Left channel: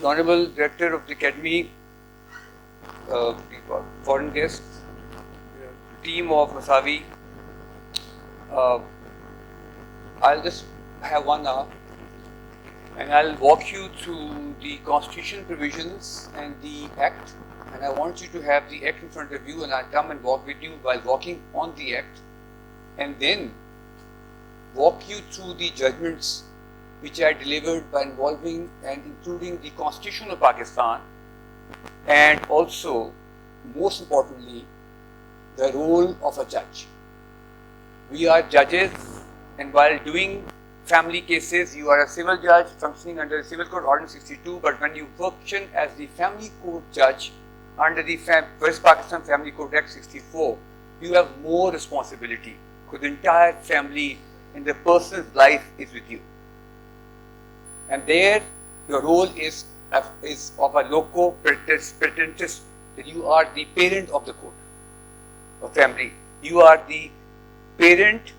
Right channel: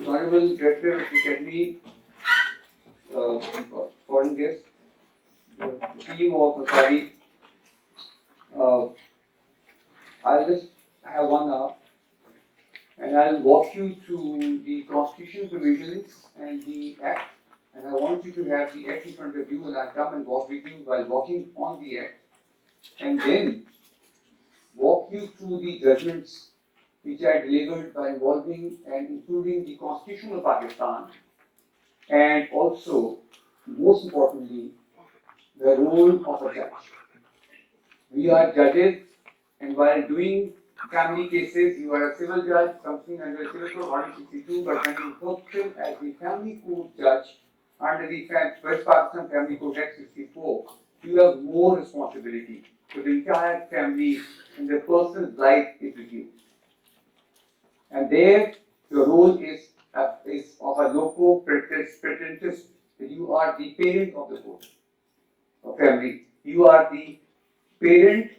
the Honorable Director of the Academy, foreign guests, team of Masari. I'll just have 1 hour and I'll walk you through the constitutional provisions and the Act. And I want you to have the Act in front of you, and I'll come and walk with you while walking on the Act, and then walk you through the judgments which are delivered by involving and including the Constitution of Pakistan, and also, most importantly, the role of a judge. We are judges, and while doing family cases, you are a civil judge functioning under the Civil Code Order 62, but when you function as the family court judge under the West Pakistan Family Code Act 64, you have more responsibility for the entire family, and the person's life is with you. And there, your role is of a loco parentis, that you are the parent of the court, of family. You are the parent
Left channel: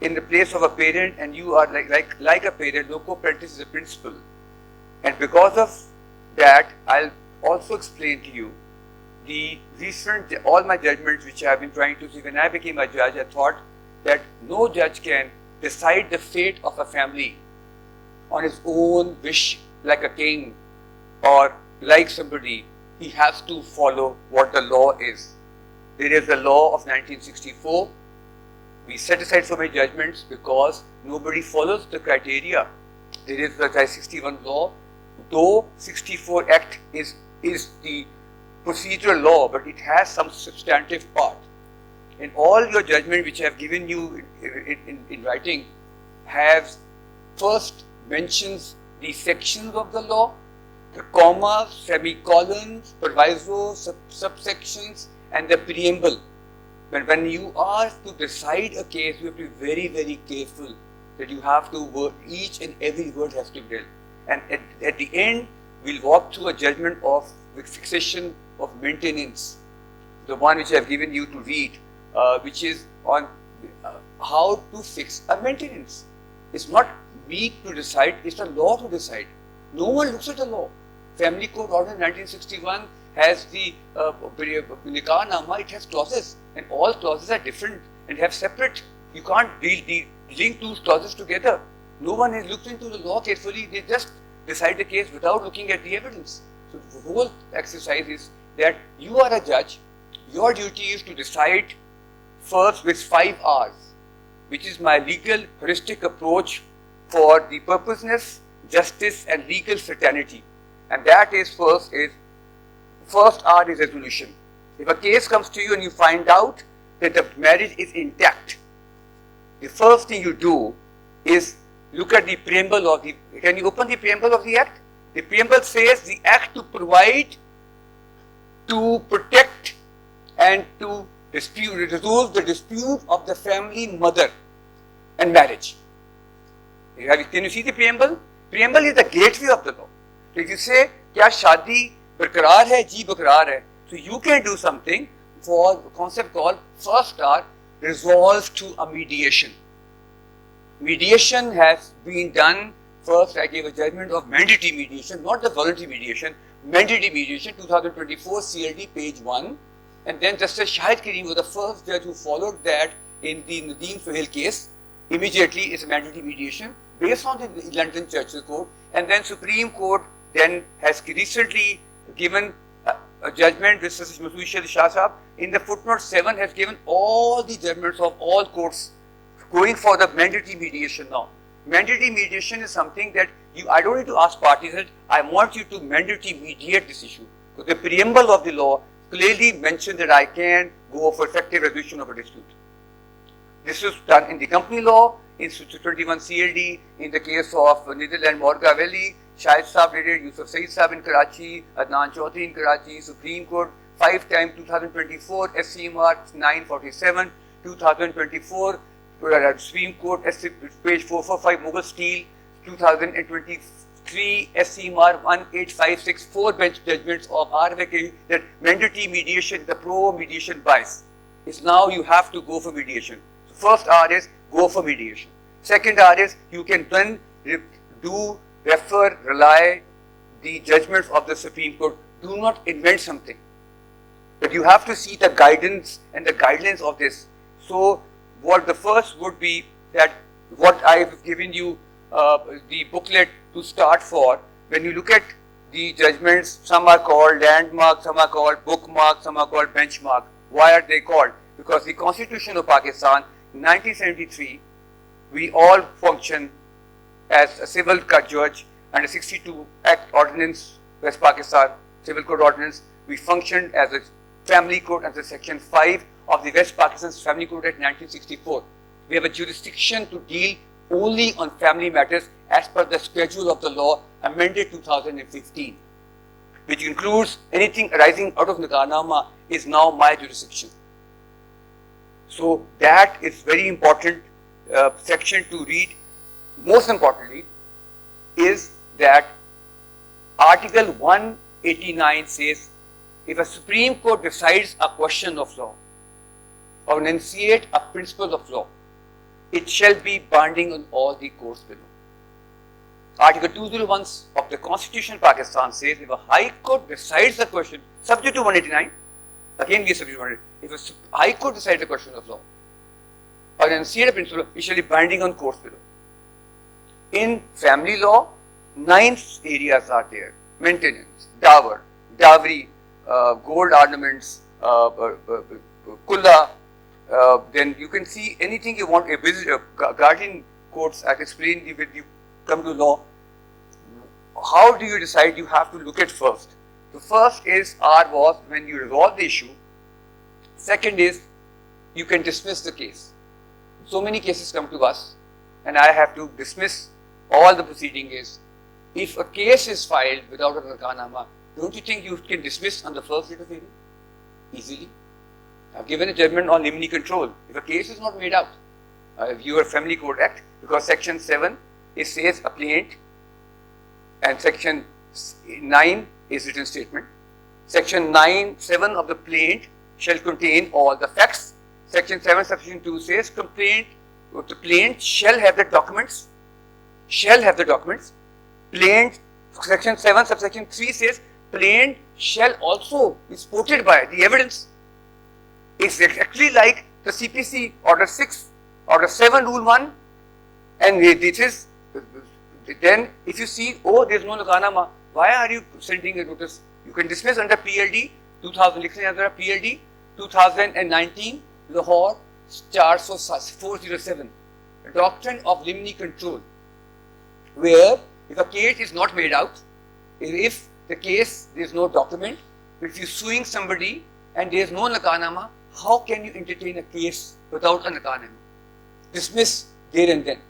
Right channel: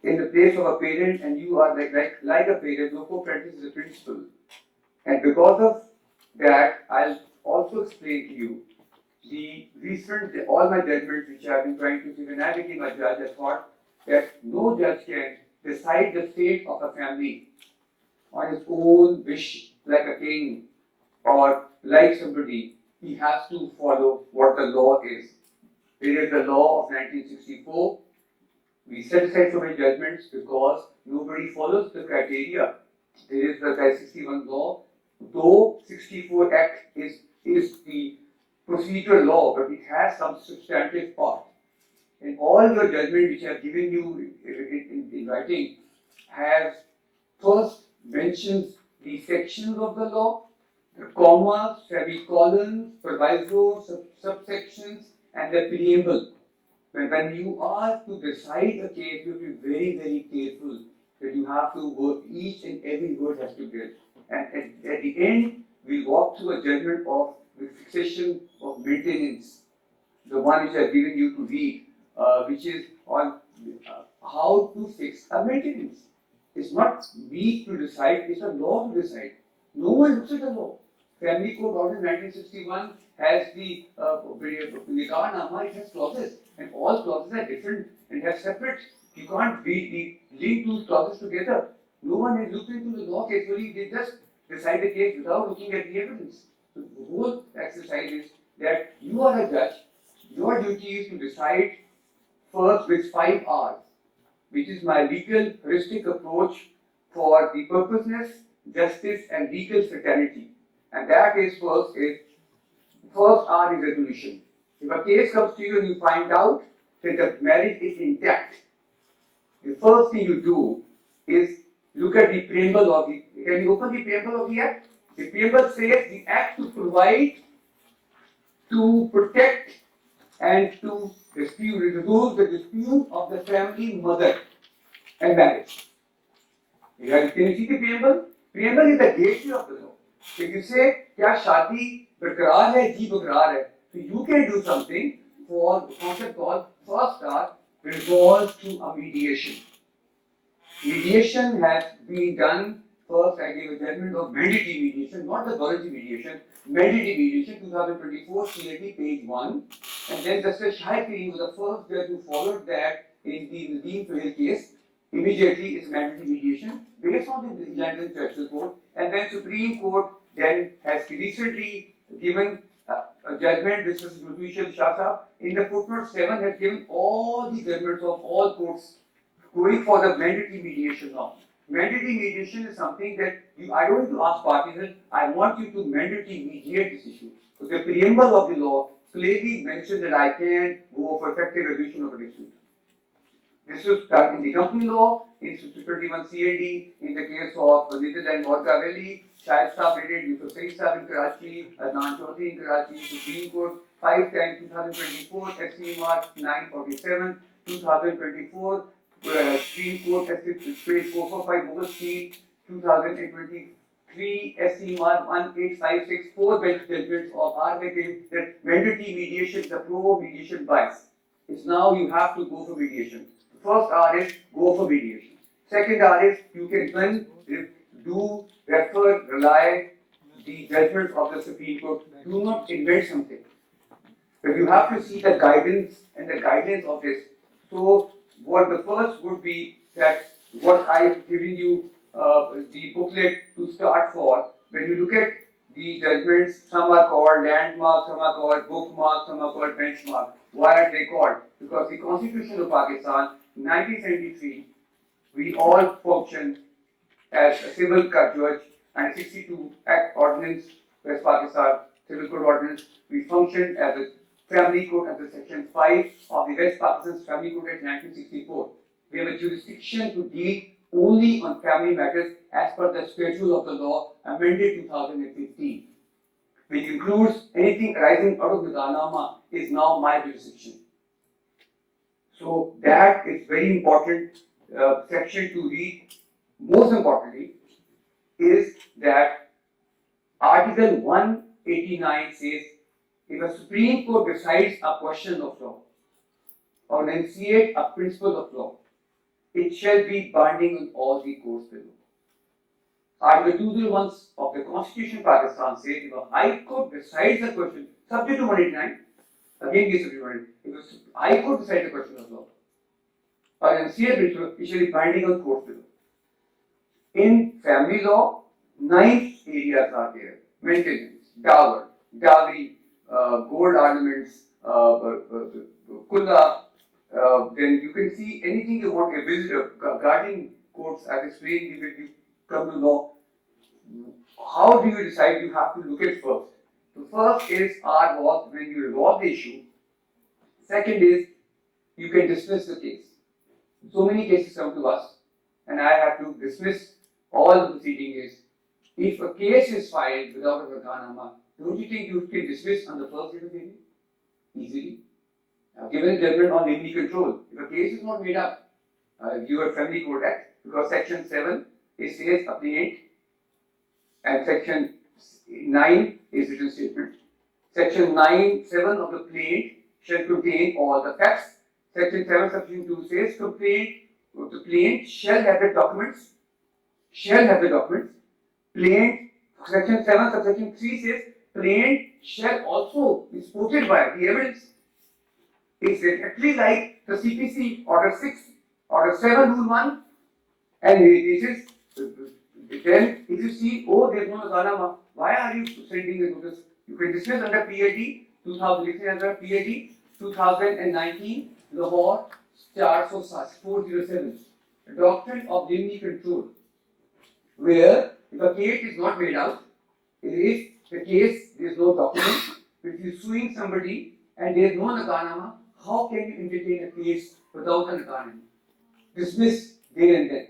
in the place of a parent, and you are like a parent. Loco parentis is a principle. And because of that, I'll also explain to you the recent, all my judgments which I have been trying to see. When I became a judge, I thought that no judge can decide the fate of a family on his own wish, like a king or like somebody. He has to follow what the law is. There is the law of 1964. We set aside so many judgments because nobody follows the criteria. There is the 61 law. Though 64 Act is the procedural law, but it has some substantive part. And all your judgment which I have given you in writing has first mentions the sections of the law, the commas, semicolons, provisos, subsections, and the preamble. When you are to decide a case, you have to be very, very careful that you have to work, each and every word has to be dealt. And at the end, we'll walk through a judgment of fixation of maintenance, the one which I have given you to read, which is on how to fix a maintenance. It's not me to decide, it's the law to decide. No one looks at the law. Family Code Order 1961 has the Nikah Nama, it has clauses, and all clauses are different and have separate. You can't link those clauses together. No one has looked into the law carefully, they just decide the case without looking at the evidence. So the whole exercise is that you are a judge, your duty is to decide first with 5 R's, which is my legal heuristic approach for the purposeness, justice, and legal certainty. And that is first R is resolution. If a case comes to you and you find out that the marriage is intact, the first thing you do is look at the preamble of the, can you open the preamble of the Act? The preamble says the Act to provide, to protect, and to resolve the dispute of the family, mother, and marriage. Can you see the preamble? Preamble is the gateway of the law. If you say, kya shadi barqarar hai, ji barqarar hai, so you can do something for the concept called first R, resolves to a mediation. Mediation has been done. First, I gave a judgment of mandatory mediation, not the voluntary mediation. Mandatory mediation, 2024 CLD, page 1. And then Justice Shahid Karim was the first judge who followed that in the Nadeem Sohail case. Immediately, it's mandatory mediation based on the London Churchill Code. And then Supreme Court then has recently given a judgment, Justice Masushal Shah Sahab, in the footnote 7 has given all the judgments of all courts going for the mandatory mediation now. Mandatory mediation is something that I don't need to ask parties that I want you to mandatorily mediate this issue. So the preamble of the law clearly mentions that I can go for effective resolution of a dispute. This was done in the company law, in 21 CLD, in the case of Little and Morga Valley, Shahid Saab did it, Yusuf Saeed Saab in Karachi, Adnan Chaudhary in Karachi, Supreme Court, 5 times 2024, SCMR 947, 2024, Supreme Court, page 445, Mughal Steel, 2023, SCMR 18564, 4 bench judgments of RFA that mandatory mediation, the pro-mediation bias is now you have to go for mediation. First R is go for mediation. Second R is you can then refer, rely the judgments of the Supreme Court. Do not invent something. But you have to see the guidance and the guidelines of this. So, what the first would be that what I've given you the booklet to start for. When you look at the judgments, some are called landmark, some are called bookmark, some are called benchmark. Why are they called? Because the Constitution of Pakistan, 1973, we all functioned as a civil judge under 62 Act Ordinance, West Pakistan Civil Code Ordinance. We functioned as a family court under Section 5 of the West Pakistan Family Code Act 1964. We have a jurisdiction to deal only on family matters as per the schedule of the law amended 2015, which includes anything arising out of Nigahnaama is now my jurisdiction. So that is very important section to read. Most importantly is that Article 189 says, if a Supreme Court decides a question of law or enunciate a principle of law, it shall be binding on all the courts below. Article 201 of the Constitution of Pakistan says, if a High Court decides the question, subject to 189, again we are subject to 189, if a High Court decides the question of law or enunciate a principle, it shall be binding on courts below. In family law, 9 areas are there: maintenance, dowry, gold ornaments, kulla. Then you can see anything you want. Guardian courts, I explained when you come to law. How do you decide? You have to look at first. The first is was when you resolve the issue. Second is you can dismiss the case. So many cases come to us, and I have to dismiss all the proceeding is. If a case is filed without a Nigahnaama, don't you think you can dismiss on the first day of hearing? Easily. I've given a judgment on limine control. If a case is not made up, your Family Court Act, because Section 7 it says a plaint, and Section 9 is written statement. Section 7 of the plaint shall contain all the facts. Section 7, Section 2 says the plaint shall have the documents. Plaint, Section 7, Subsection 3 says plaint shall also be supported by the evidence. It's exactly like the CPC Order 6, Order 7, Rule 1, and this is, then if you see, oh, there's no Nigahnaama, why are you sending a notice? You can dismiss under PLD 2019, Lahore, Charts of 407, the doctrine of limine control, where if a case is not made out, if the case there is no document, if you're suing somebody and there is no Nigahnaama, how can you entertain a case without a Nigahnaama? Dismiss there and then.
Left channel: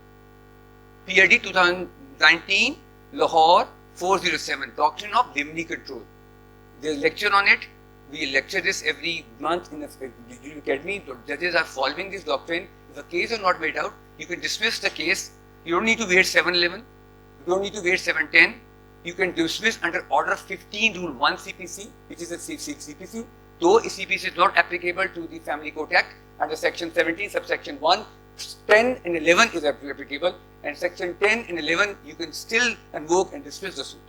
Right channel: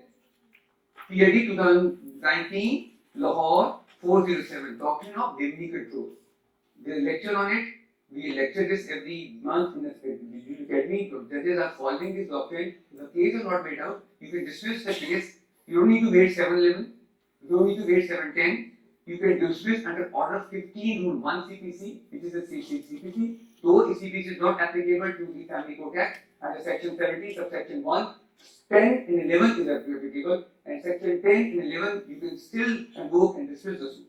PLD 2019, Lahore 407, doctrine of limine control. There's a lecture on it. We lecture this every month in the academy. Judges are following this doctrine. If a case is not made out, you can dismiss the case. You don't need to wait 711. You don't need to wait 710. You can dismiss under Order 15, Rule 1 CPC, which is a CPC. Though CPC is not applicable to the Family Court Act, under Section 17, Subsection 1, 10 and 11 is applicable, and Section 10 and 11 you can still invoke and dismiss the suit.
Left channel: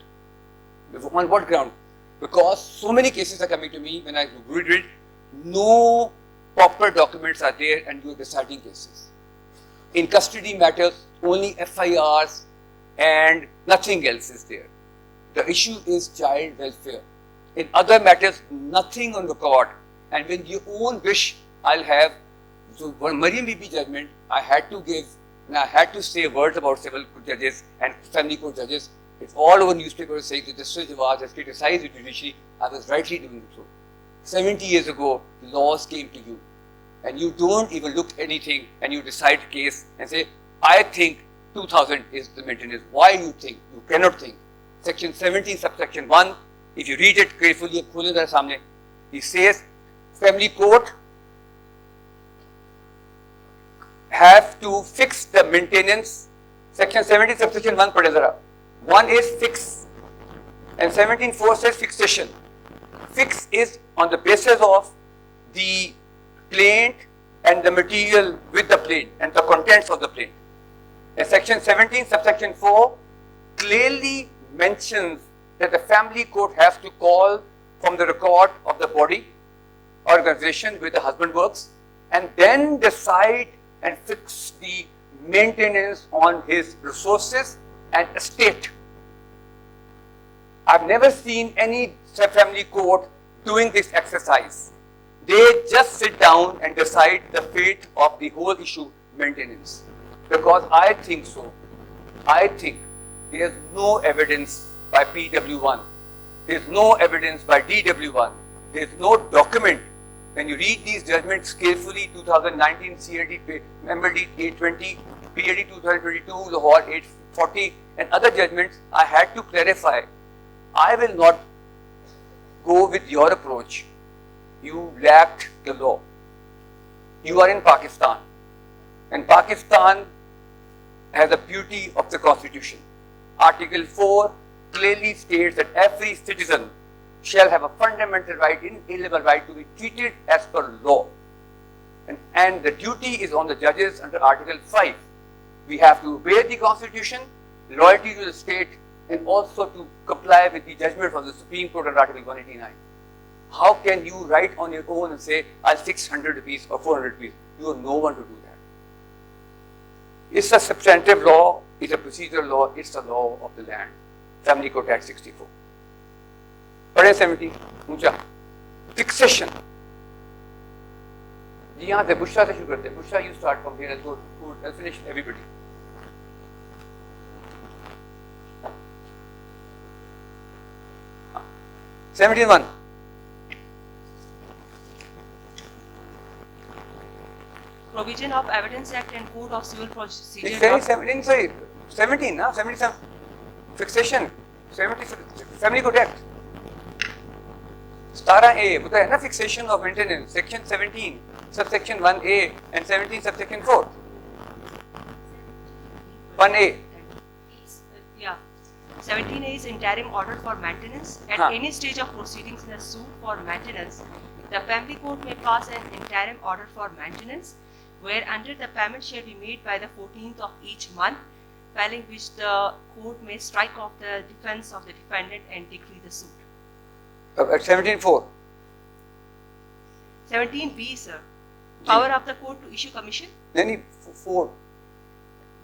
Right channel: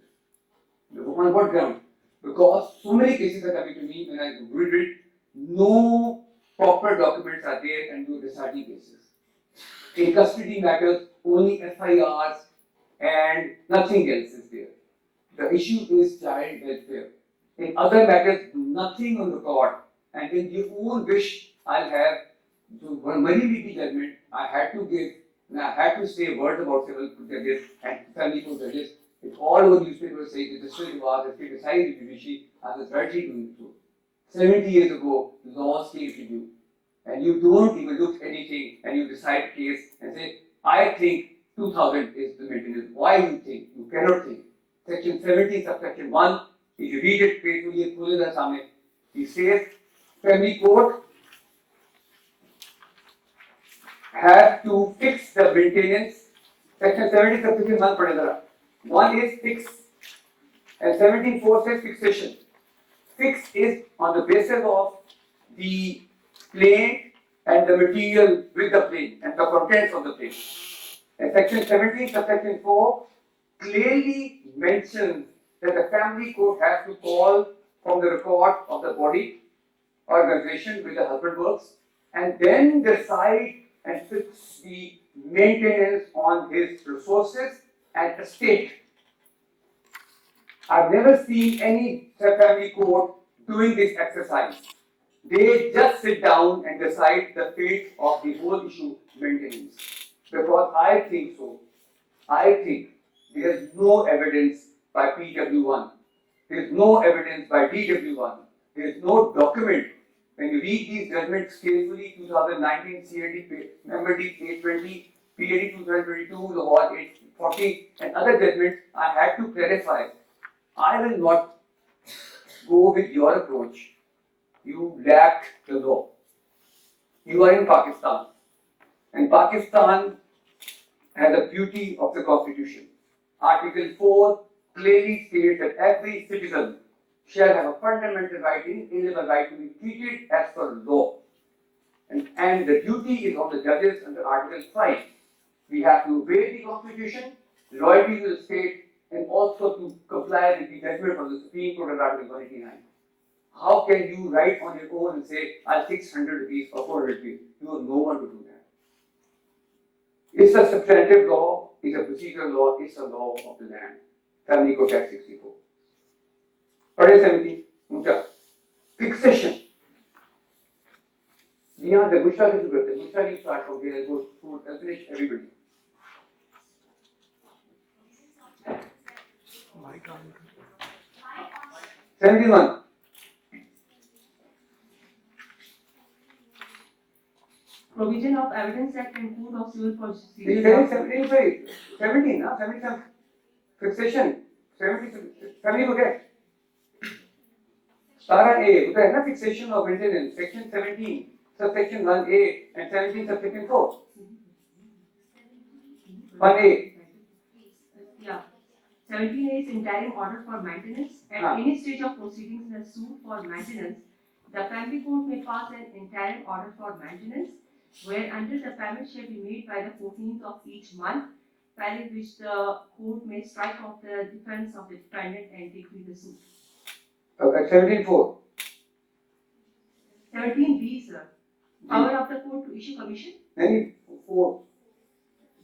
On what ground? Because so many cases are coming to me when I read it, no proper documents are there and you are deciding cases. In custody matters, only FIRs and nothing else is there. The issue is child welfare. In other matters, nothing on record. And with your own wish, I'll have, so one Marie BP judgment, I had to give, and I had to say words about civil judges and family court judges. It's all over newspapers saying that Justice Jawad has criticized the judiciary. I was rightly doing so. 70 years ago, laws came to you, and you don't even look at anything, and you decide a case and say, I think 2000 is the maintenance. Why do you think? You cannot think. Section 17, Subsection 1, if you read it carefully and pull it at samne, he says, family court have to fix the maintenance. Section 17, Subsection 1, padhe zara. One is fix, and 17.4 says fixation. Fix is on the basis of the plaint and the material with the plaint and the contents of the plaint. And Section 17, Subsection 4 clearly mentions that the family court has to call from the record of the body organization where the husband works and then decide and fix the maintenance on his resources and estate. I've never seen any family court doing this exercise. They just sit down and decide the fate of the whole issue maintenance. Because I think so. I think there is no evidence by PW1. There is no evidence by DW1. There is no document. When you read these judgments carefully, 2019 CRD, Member D 820, PAD 2022, Lahore 840, and other judgments, I had to clarify. I will not go with your approach. You lacked the law. You are in Pakistan. And Pakistan has the beauty of the Constitution. Article 4 clearly states that every citizen shall have a fundamental right, inalienable right to be treated as per law. And the duty is on the judges under Article 5. We have to obey the Constitution, loyalty to the state, and also to comply with the judgment from the Supreme Court under Article 189. How can you write on your own and say, I'll fix 100 rupees or 400 rupees? You have no one to do that. It's a substantive law, it's a procedural law, it's the law of the land. Family Code Act 64. Pade 70, ऊंचा. Fixation. जी हाँ, Bushra से शुरू करते हैं. Bushra, you start from here and go and finish everybody. #71. Provision of Evidence Act and Code of Civil Procedure. It's very 17, sorry, 17, 77. Fixation, 70, Family Code Act. Stara A, होता है ना fixation of maintenance, section 17, subsection 1A and 17 subsection 4. 1A. Yeah. 17A is interim order for maintenance. At any stage of proceedings in a suit for maintenance, the family court may pass an interim order for maintenance, where under the payment shall be made by the 14th of each month, following which the court may strike off the defense of the defendant and decree the suit. At 17.4. 17B, sir. Power of the court to issue commission. Then 4.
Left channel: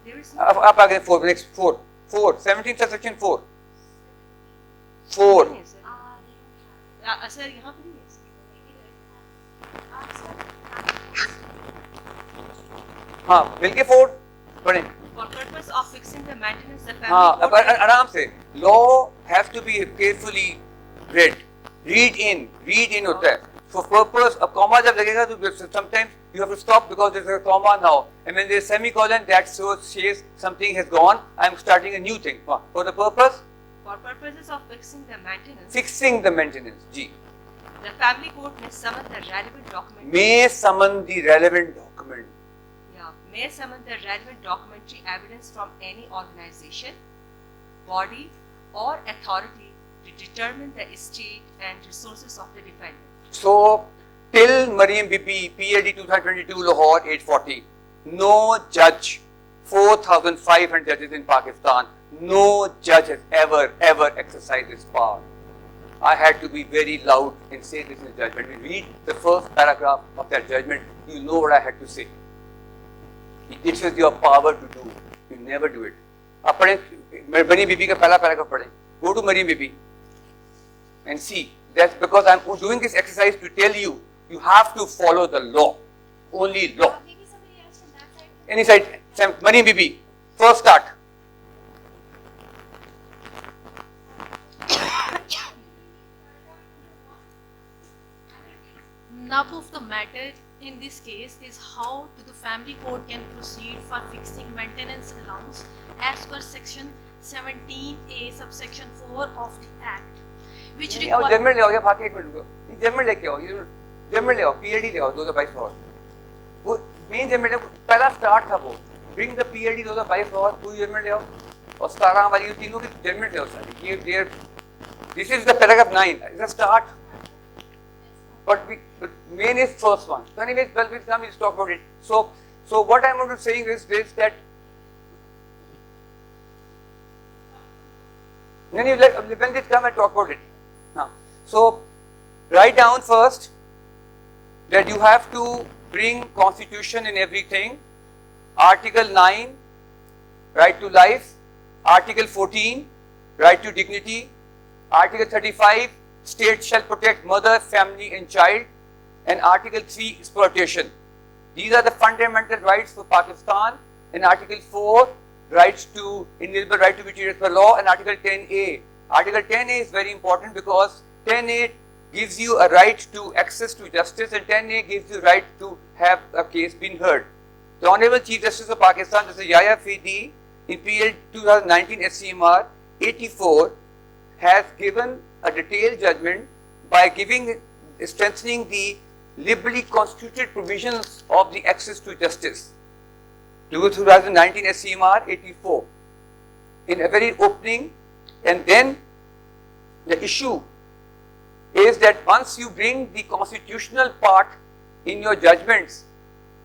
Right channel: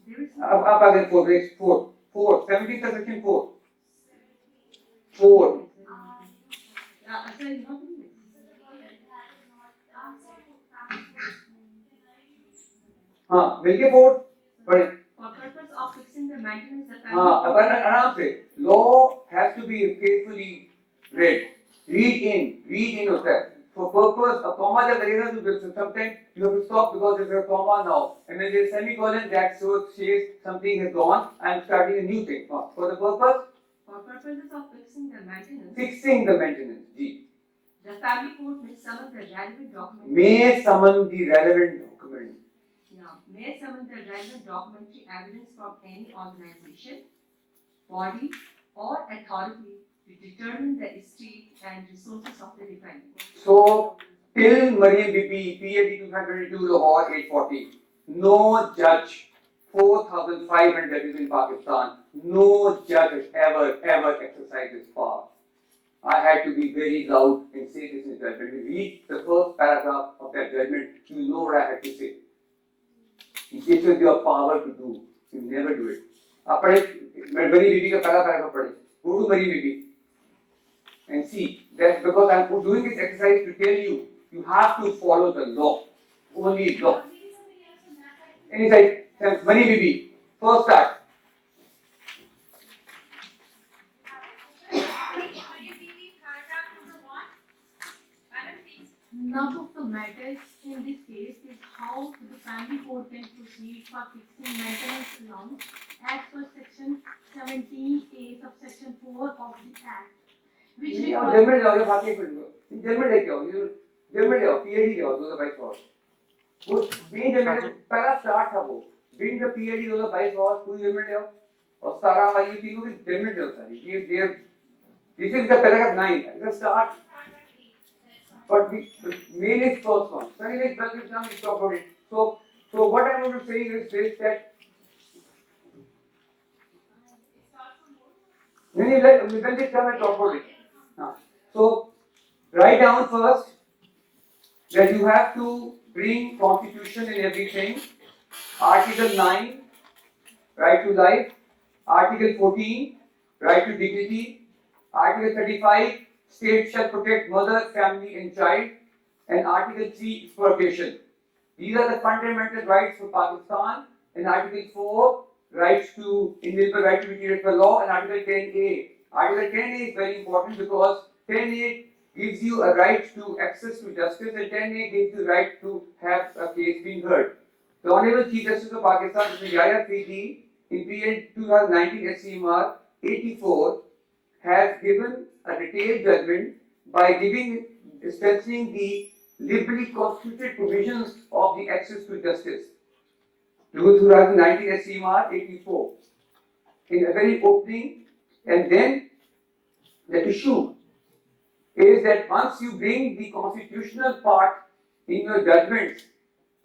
There is Up again 4. Next 4. 4. 17 subsection 4. 4. Yes, sir. Sir, यहाँ भी है, sir. हाँ, मिलके 4 पढ़ें. For purpose of fixing the maintenance, the family. हाँ, अब आराम से. Law has to be carefully read. Read in होता है. For purpose, अब comma जब लगेगा तो sometimes you have to stop because there is a comma now. And when there is semicolon, that says something has gone. I am starting a new thing. For the purpose? For purposes of fixing the maintenance. Fixing the maintenance. G. The family court may summon the relevant document. May summon the relevant document. Yeah, may summon the relevant documentary evidence from any organization, body, or authority to determine the estate and resources of the defendant. So, till Mariam BP, PAD 2022, Lahore 840, no judge, 4,500 judges in Pakistan, no judge has ever exercised this power. I had to be very loud and say this is judgment. If you read the first paragraph of that judgment, you know what I had to say. This is your power to do. You never do it. आप पढ़े Mariam BP का पहला paragraph पढ़े. Go to Mariam BP and see that because I am doing this exercise to tell you, you have to follow the law. Only law. Any side, Mariam BP. First start. Nub of the matter in this case is how the family court can proceed for fixing maintenance allowance as per section 17A subsection 4 of the Act, which requires. German ले आओ ये बाकी एक minute को German लेके आओ ये German ले आओ PAD ले आओ 2022 और वो मेन जर्मन पहला स्टार्ट था वो bring the PAD 2022 और पूरी जर्मन ले आओ और 17 वाली तीनों की जर्मन ले आओ सारी ये there this is the paragraph 9 it's a start. But main is first one. So anyways, well, we'll talk about it. So what I'm going to say is this that. Then you let when they come and talk about it. So write down first that you have to bring constitution in everything. Article 9, right to life. Article 14, right to dignity. Article 35, state shall protect mother, family and child. And Article 3, exploitation. These are the fundamental rights for Pakistan. And Article 4, rights to inalienable right to be treated by law. And Article 10A. Article 10A is very important because 10A gives you a right to access to justice and 10A gives you right to have a case being heard. The Honorable Chief Justice of Pakistan, Mr. Yahya Fidi, in period 2019 SCMR 84, has given a detailed judgment by strengthening the liberally constituted provisions of the access to justice. 2019 SCMR 84, in a very opening, and then the issue is that once you bring the constitutional part in your judgments,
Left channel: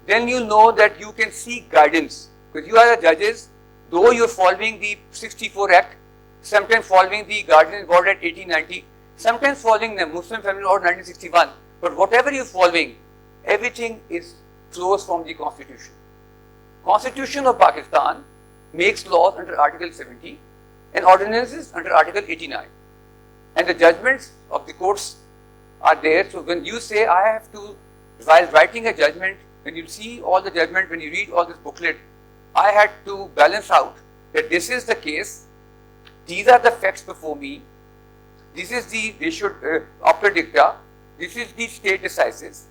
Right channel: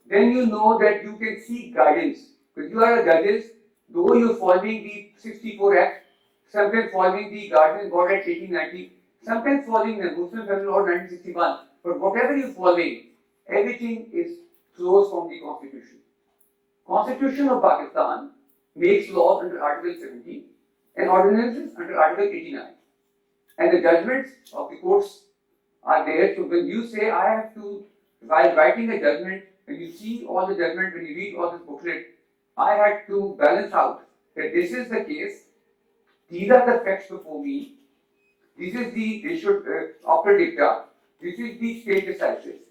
then you know that you can seek guidance. Because you are the judges, though you are following the 64 Act, sometimes following the Guardian Board Act 1890, sometimes following the Muslim Family Law 1961, but whatever you are following, everything flows from the Constitution. Constitution of Pakistan makes laws under Article 70 and ordinances under Article 89. And the judgments of the courts are there. So when you say, I have to, while writing a judgment, when you see all the judgment, when you read all this booklet, I had to balance out that this is the case, these are the facts before me, this is the ratio after dicta, this is the state decisis,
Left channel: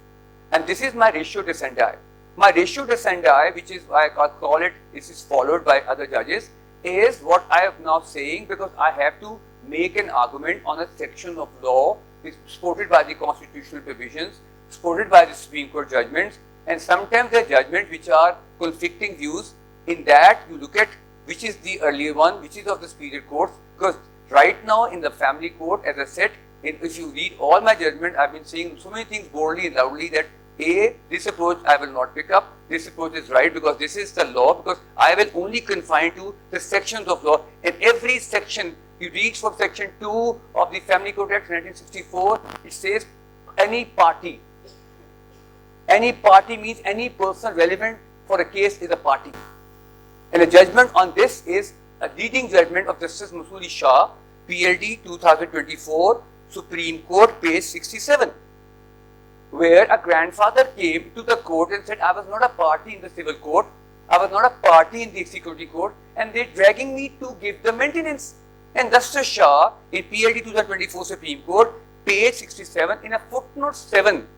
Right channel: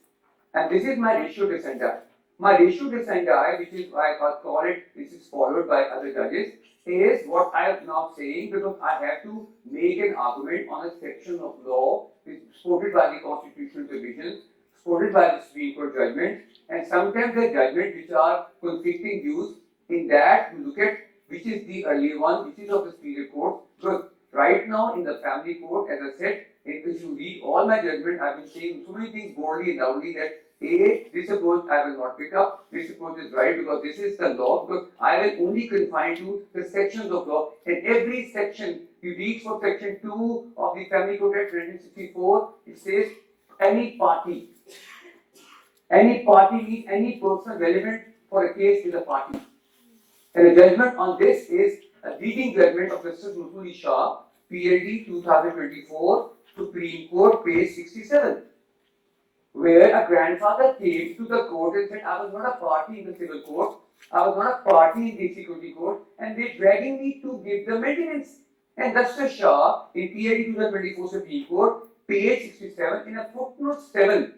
and this is my ratio descendi. My ratio descendi, which is I call it, this is followed by other judges, is what I am now saying because I have to make an argument on a section of law which is supported by the constitutional provisions, supported by the Supreme Court judgments, and sometimes the judgments which are conflicting views. In that, you look at which is the earlier one, which is of the superior court, because right now in the family court, as I said, if you read all my judgment, I've been saying so many things boldly and loudly that this approach I will not pick up, this approach is right because this is the law, because I will only confine to the sections of law. In every section, you read from section 2 of the Family Court Act 1964, it says any party. Any party means any person relevant for a case is a party. And the judgment on this is a leading judgment of Justice Masoodi Shah, PLD 2024, Supreme Court, page 67. Where a grandfather came to the court and said, I was not a party in the civil court, I was not a party in the executive court, and they're dragging me to give the maintenance. And Justice Shah, in PLD 2024 Supreme Court, page 67, in a footnote 7,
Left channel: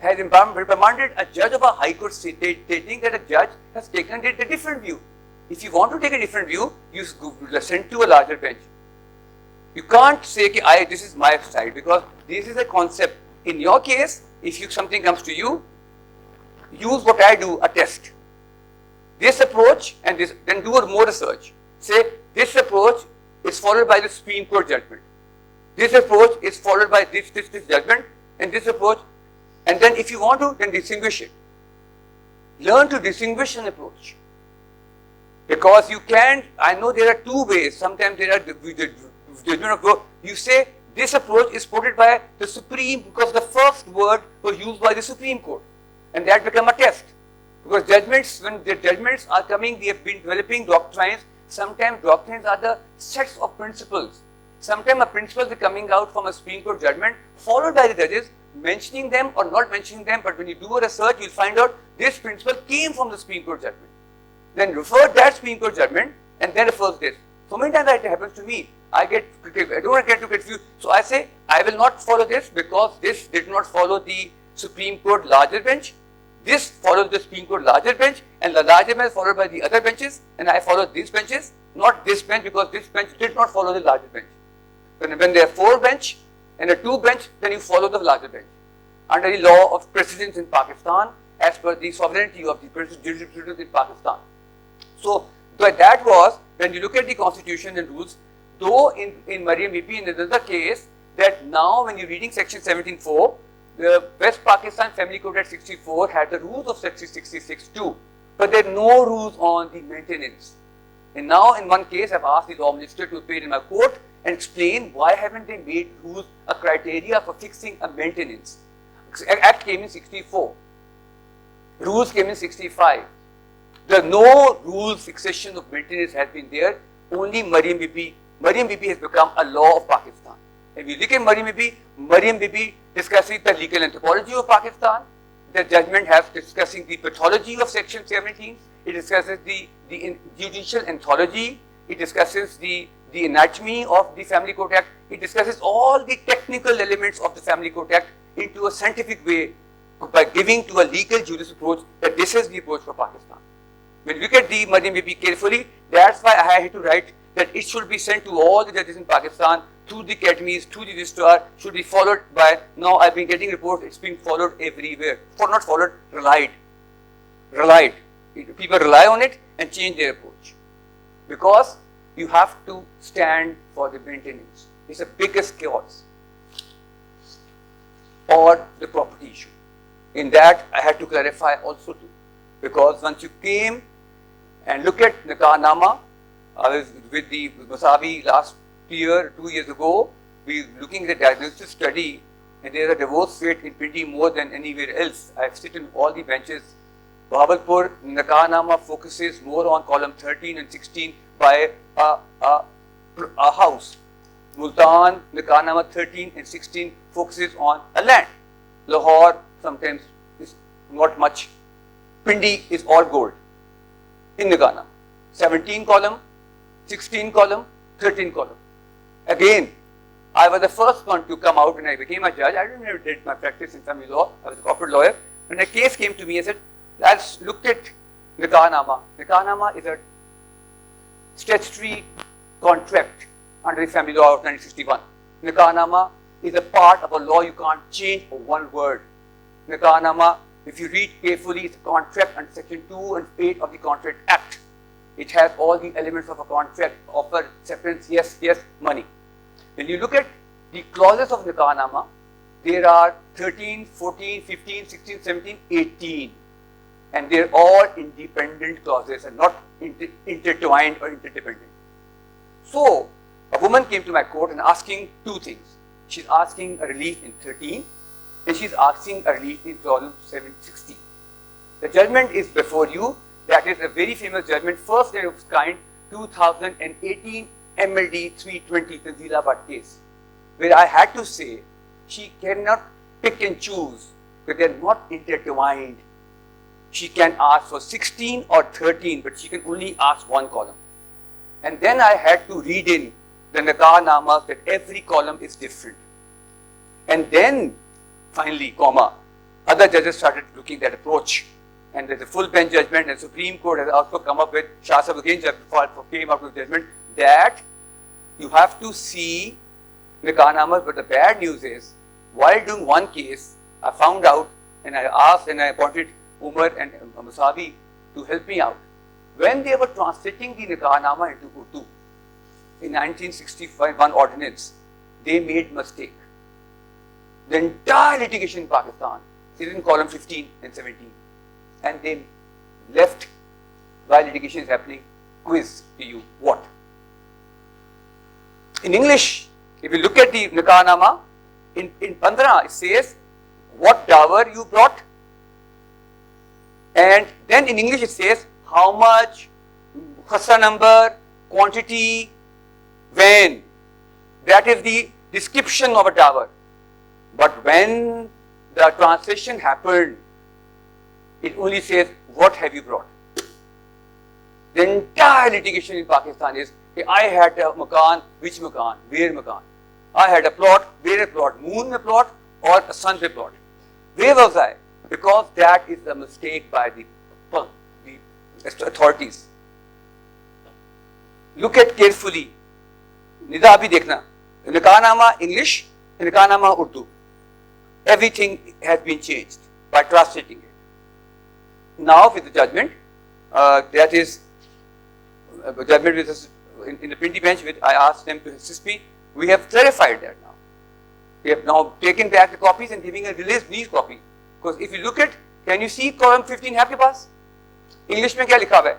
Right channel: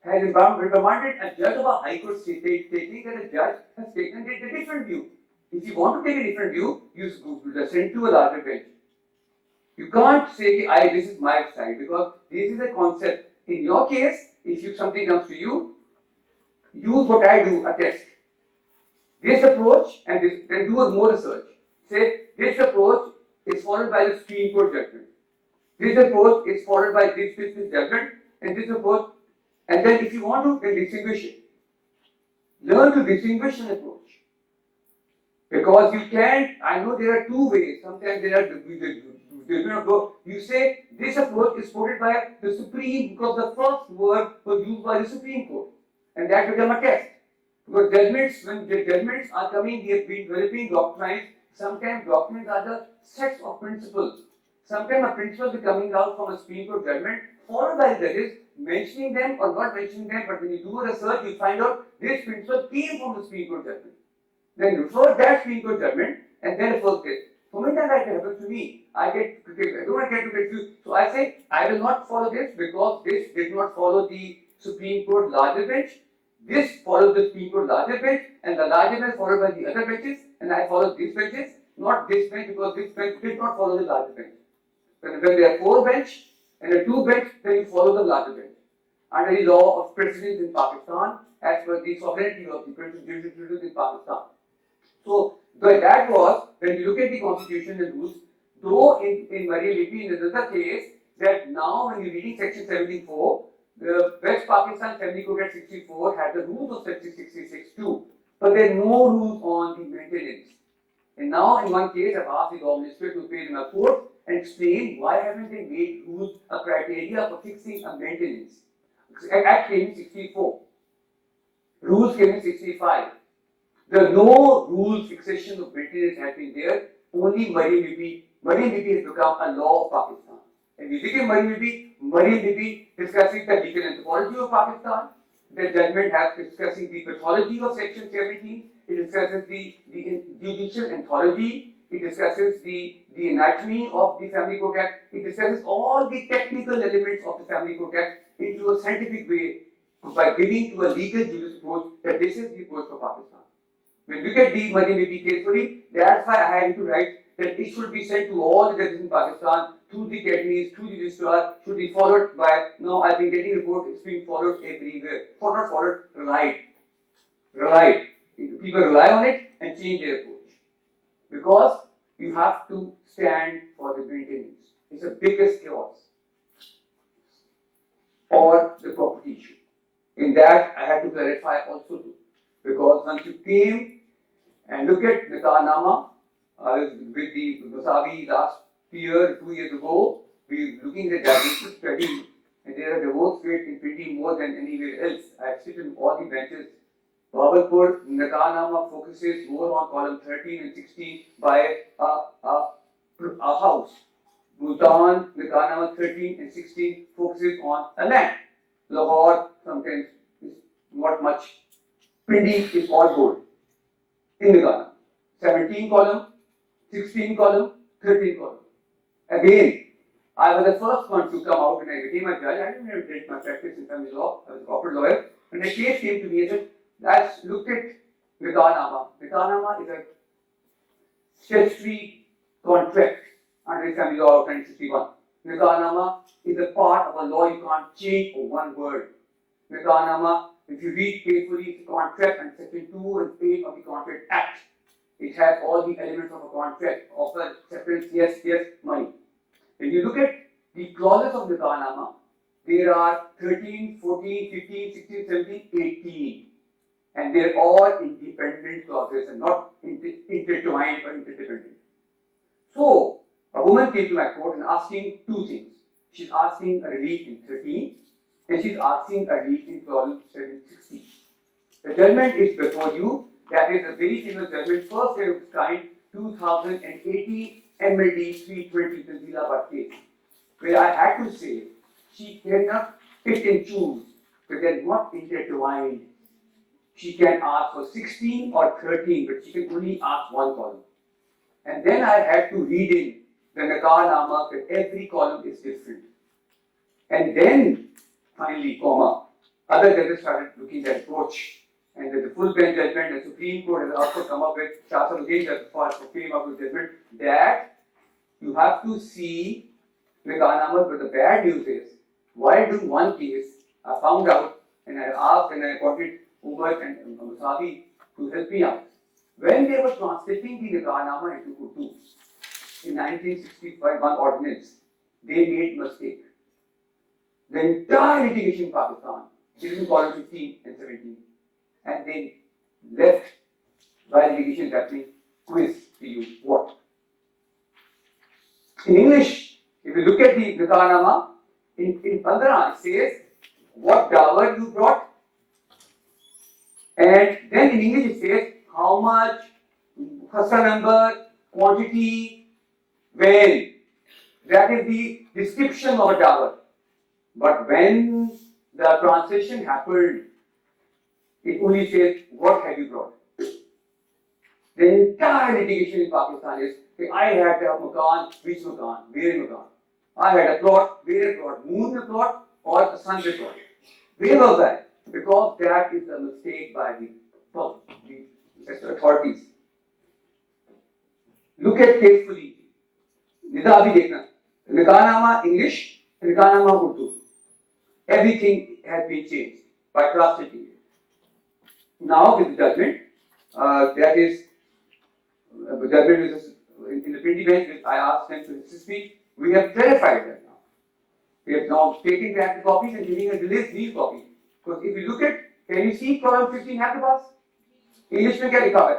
has remanded a judge of a high court stating that a judge has taken a different view. If you want to take a different view, you send to a larger bench. You can't say, this is my side, because this is a concept. In your case, if something comes to you, use what I do, a test. This approach and this, then do more research. Say, this approach is followed by the Supreme Court judgment. This approach is followed by this judgment, and this approach, and then if you want to, then distinguish it. Learn to distinguish an approach. Because you can't, I know there are two ways, sometimes there are you say this approach is supported by the Supreme, because the first word was used by the Supreme Court, and that become a test. Because judgments, when the judgments are coming, we have been developing doctrines. Sometimes doctrines are the sets of principles. Sometimes a principle is coming out from a Supreme Court judgment, followed by the judges, mentioning them or not mentioning them, but when you do a research, you'll find out this principle came from the Supreme Court judgment. Then refer that Supreme Court judgment and then refer this. So many times that happens to me. I don't want to get too confused. So I say, I will not follow this because this did not follow the Supreme Court larger bench. This follows the Supreme Court larger bench, and the larger bench followed by the other benches, and I follow these benches, not this bench, because this bench did not follow the larger bench. When there are 4 bench and a 2 bench, then you follow the larger bench. Under the law of precedence in Pakistan, as per the sovereignty of the jurisprudence in Pakistan. So that was, when you look at the constitution and rules, though in Mariam Bibi, in another case, that now when you're reading section 17.4, the West Pakistan Family Code Act 64 had the rules of section 66 too, but there are no rules on the maintenance. And now in one case, I've asked the law minister to appear in my court and explain why haven't they made rules a criteria for fixing a maintenance. Act came in 64. Rules came in 65. There no rules fixation of maintenance has been there. Only Mariam Bibi. Mariam Bibi has become a law of Pakistan. If you look at Mariam Bibi discussing the legal anthropology of Pakistan. The judgment has discussing the pathology of Section 17. It discusses the judicial anthology. It discusses the anatomy of the Family Court Act. It discusses all the technical elements of the Family Court Act into a scientific way by giving to a legal jurist approach that this is the approach for Pakistan. When you look at the Mariam Bibi carefully, that's why I had to write that it should be sent to all the judges in Pakistan, to the academies, to the registrar, should be followed by, now I've been getting reports, it's being followed everywhere. Not followed, relied. People rely on it and change their approach. Because you have to stand for the maintenance. It's the biggest cause. Or the property issue. In that, I had to clarify also too. Because once you came and look at Nikah Nama, I was with the Masabi last year, 2 years ago, we were looking at the diagnostic study, and there is a divorce rate in Pindi more than anywhere else. I have sat in all the benches. Bahawalpur, Nikah Nama focuses more on column 13 and 16 by a house. Multan, Nikah Nama 13 and 16 focuses on a land. Lahore sometimes is not much. Pindi is all gold in Nikah Nama. 17 column, 16 column, 13 column. Again, I was the first one to come out when I became a judge. I didn't even did my practice in family law. I was a corporate lawyer. When a case came to me, I said, let's look at Nikah Nama. Nikah Nama is a statutory contract under the Family Law of 1961. Nikah Nama is a part of a law you can't change for one word. Nikah Nama, if you read carefully, it's a contract under Section 2 and 8 of the Contract Act. It has all the elements of a contract, offer, acceptance, yes, money. When you look at the clauses of Nikah Nama, there are 13, 14, 15, 16, 17, 18. And they're all independent clauses and not intertwined or interdependent. So, a woman came to my court and asking two things. She's asking a relief in 13 and she's asking a relief in clause 760. The judgment is before you. That is a very famous judgment, first day of its kind, 2018 MLD 320 Tanzilabad case, where I had to say she cannot pick and choose because they're not intertwined. She can ask for 16 or 13, but she can only ask one column. And then I had to read in the Nikah Nama that every column is different. And then, finally, other judges started looking at approach. And there's a full bench judgment, and Supreme Court has also come up with, Shah Sahib again came up with judgment, that you have to see Nikah Nama, but the bad news is, while doing one case, I found out, and I asked and I appointed Umar and Masabi to help me out. When they were translating the Nikah Nama into Urdu, in 1965, one ordinance, they made mistake. The entire litigation in Pakistan is in column 15 and 17. And they left, while litigation is happening, quiz to you. What? In English, if you look at the Nikah Nama, in 15 it says, what dower you brought? And then in English it says, how much, khasa number, quantity, when. That is the description of a dower. But when the translation happened, it only says, what have you brought? The entire litigation in Pakistan is, I had a makan, which makan, where makan? I had a plot, where a plot, moon mein plot or sun mein plot. Where was I? Because that is the mistake by the authorities. Look at carefully. Nida bhi dekhna. Nikah Nama English, Nikah Nama Urdu. Everything has been changed by translating it. Now with the judgment, that is judgment in the Pindi bench, which I asked them to assist me, we have clarified that now. We have now taken back the copies and giving a release copy. Because if you look at, can you see column 15 है आपके पास? English में क्या लिखा हुआ है?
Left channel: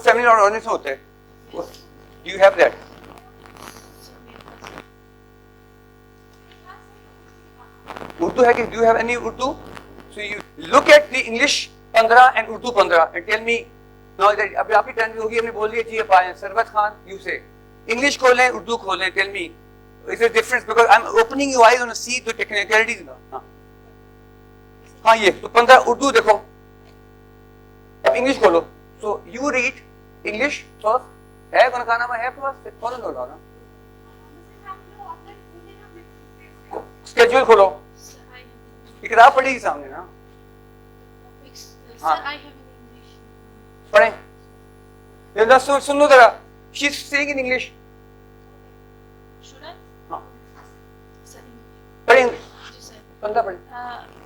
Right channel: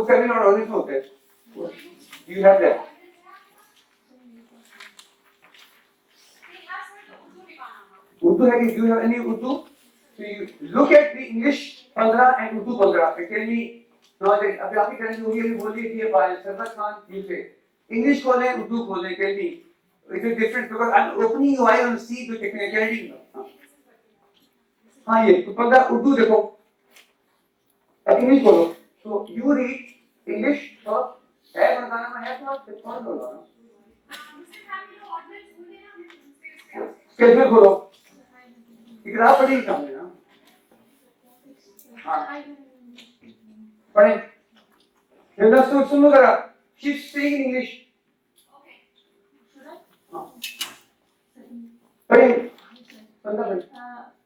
वो seminal ordinance होता है. Do you have that? Urdu है कि do you have any Urdu? So you look at the English 15 and Urdu 15 and tell me now that अभी आपकी टर्न होगी अभी बोलिए जी अब सरबत खान you say English खोलें Urdu खोलें tell me is there difference because I'm opening your eye on see the technicalities now. हाँ ये तो 15 Urdu देखो अब English खोलो so you read English first है बनाना मैं है तो फॉलो करो ना स्केड्यूल खोलो किताब पढ़ी सामने ना हाँ पढ़ें ये ना सुन लो जरा she is saying in English should I हाँ sir पढ़ें जी sir पंद्रह पढ़ें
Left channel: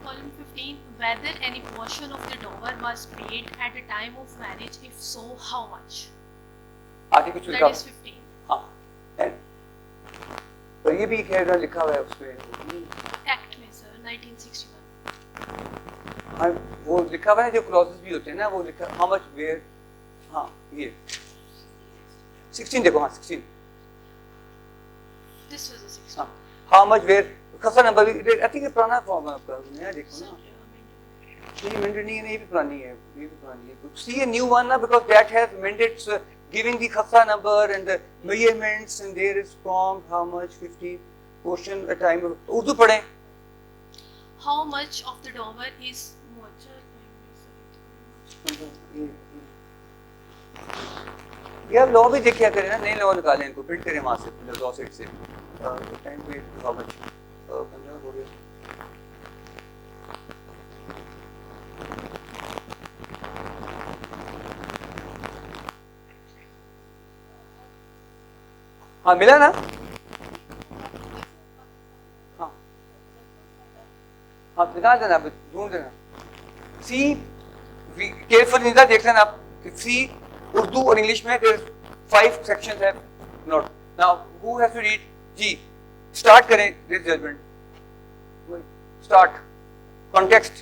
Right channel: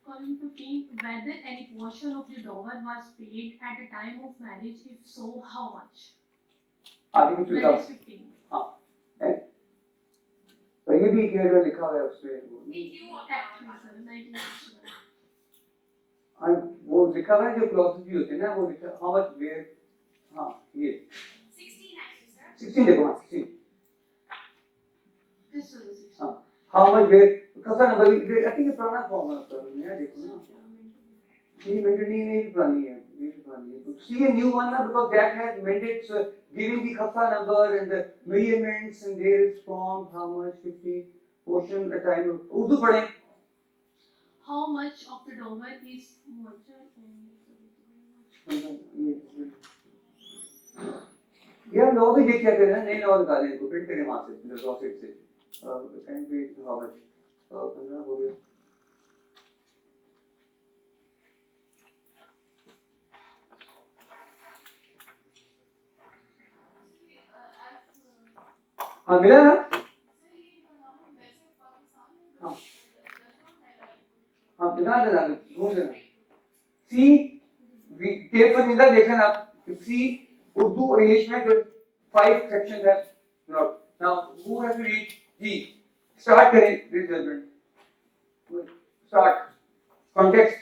column 15 whether any portion of the dower was paid at the time of marriage if so how much आगे कुछ लिखा that is 15 हाँ है तो ये भी क्या लिखा हुआ है उसपे act में sir 1961 हाँ वो लिखा हुआ है जो क्लॉजेस भी होते हैं ना वो लिखा how much where हाँ ये 16 देखो हाँ 16 this was a 16 हाँ how much where कसा नंबर I think ये पुराना फॉर्म है उसका नया देखो ना ये मेंटेन नहीं पुरानी है ये भी पुरानी है see a new one now because that has amended giving the khasa number and the measurements and there is form how much 15 portion the time Urdu पढ़ें how much of the dower is यार law भी देखिए करें ना नई law निकालें इनको print करें वहां से लॉ सेट से टाइम पे हाउ मच हाँ मिला ना हाँ हाँ मिला देना ढूंढ लेना सी केयरफुल निंदा देख लेना आप सी उर्दू और इंग्लिश में there 5 sections have not now who has to read ji start करें this judgment start context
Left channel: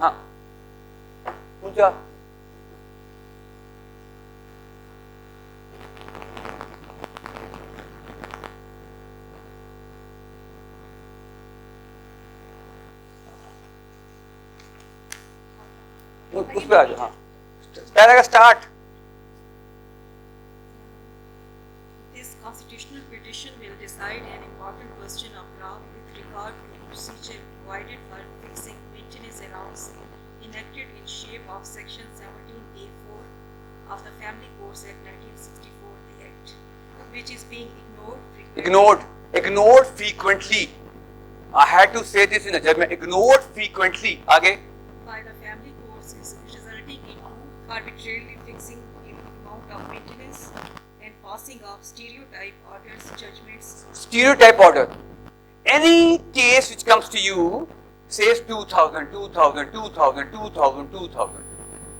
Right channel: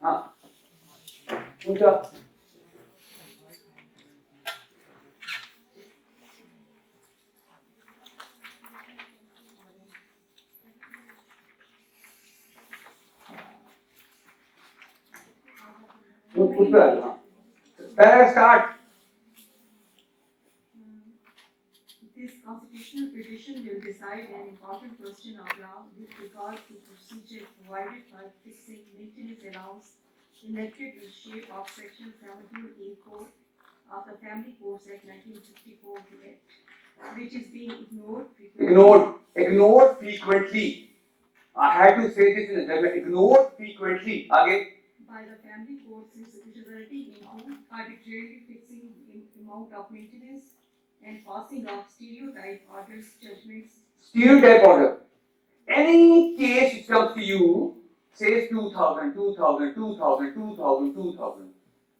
हाँ उनका उस पे आ जाओ हाँ पहला का start This constitutional petition will decide an important question of law with regard to procedure provided for fixing maintenance allowance enacted in shape of section 17A4 of the Family Courts Act 1964, the Act, which is being ignored frequently. I had to say this in a German. Ignored frequently. आगे by the family courts is resulting in arbitrarily fixing in amount of maintenance and passing of stereotype orders, judgments. Stereotype order. Any case which comes to you says 2000, 2000, 2000, 2000, 2000,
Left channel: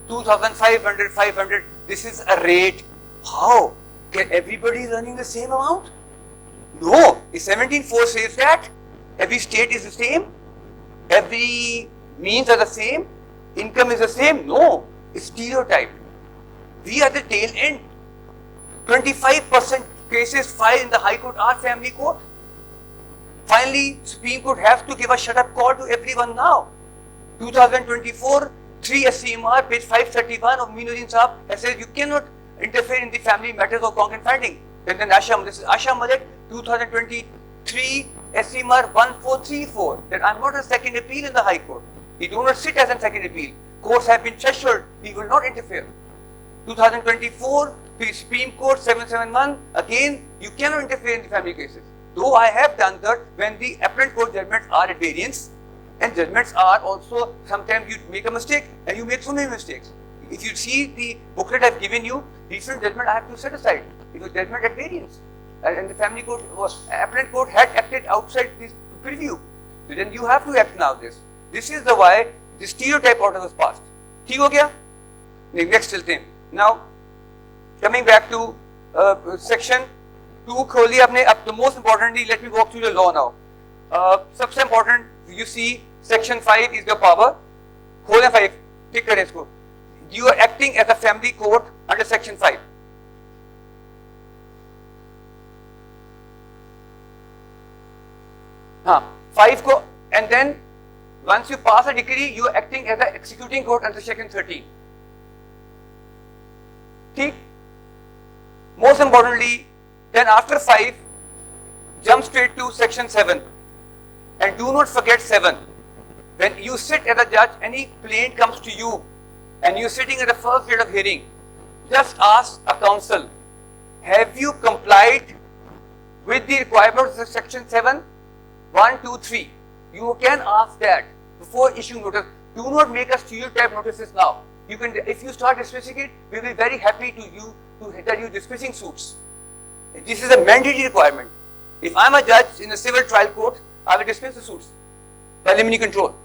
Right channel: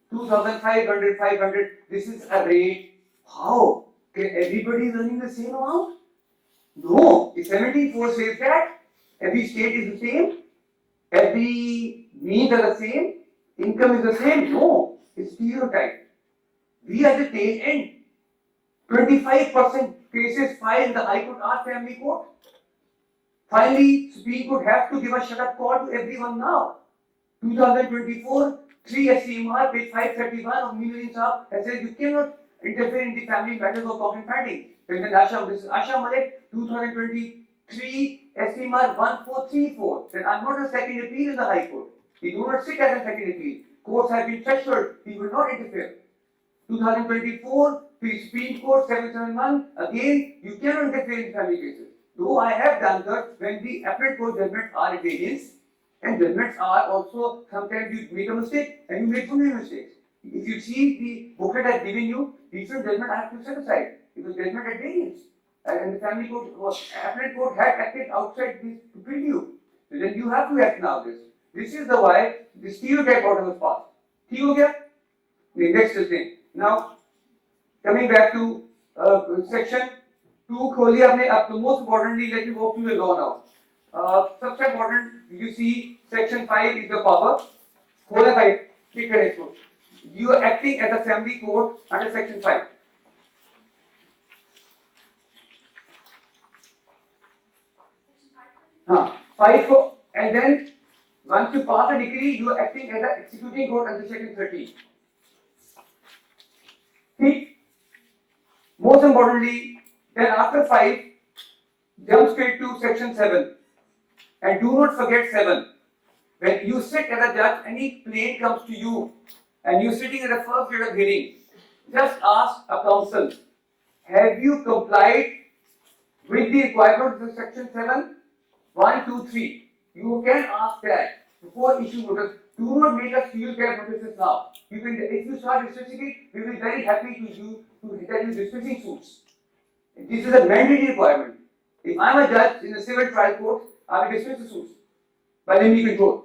2500, 500. This is a rate. How? Can everybody earning the same amount? No. If 17.4 says that every state is the same, every means are the same, income is the same. No. It's stereotype. We are the tail end. 25% cases filed in the High Court are family court. Finally, Supreme Court has to give a shut-up call to everyone now. 2024, 3 SCMR, page 531 of Minuddin Saab has said you cannot interfere in the family matters of concrete finding. Then Asham, this is Asham Malik, 2023 SCMR 1434. Then I'm not a second appeal in the High Court. We do not sit as a second appeal. Courts have been treasured. We will not interfere. 2024, Supreme Court 771, again, you cannot interfere in family cases. Though I have done that when the appellate court judgments are at variance, and judgments are also, sometimes you make a mistake and you make so many mistakes. If you see the booklet I've given you, recent judgment I have to set aside. It was judgment at variance. And the family court was, appellate court had acted outside this preview. So then you have to act now this. This is the why the stereotype order was passed. ठीक हो गया? Next thing. Now, coming back to section 2 खोलिए आपने अब the most importantly let me walk through the law now. सबसे important you see section 5 is the power. खोले 5 ठीक करें इसको. you are acting as a family court under section 5. And then once you pass a decree, you are acting as the executing court under section 13. See? Most importantly, then after 5, jump straight to section 7. And do not forget 7. When you sit as a judge, any plaint comes to you and you're sitting at the first date of hearing, just ask a counsel, have you complied with the requirements of section 7? 1, 2, 3. You can ask that before issuing notice. Do not make us stereotype notices now. You can, if you start dismissing it, we will be very happy that you dismissing suits. This is a mandatory requirement. If I am a judge in a civil trial court, I will dismiss the suits by limiting control.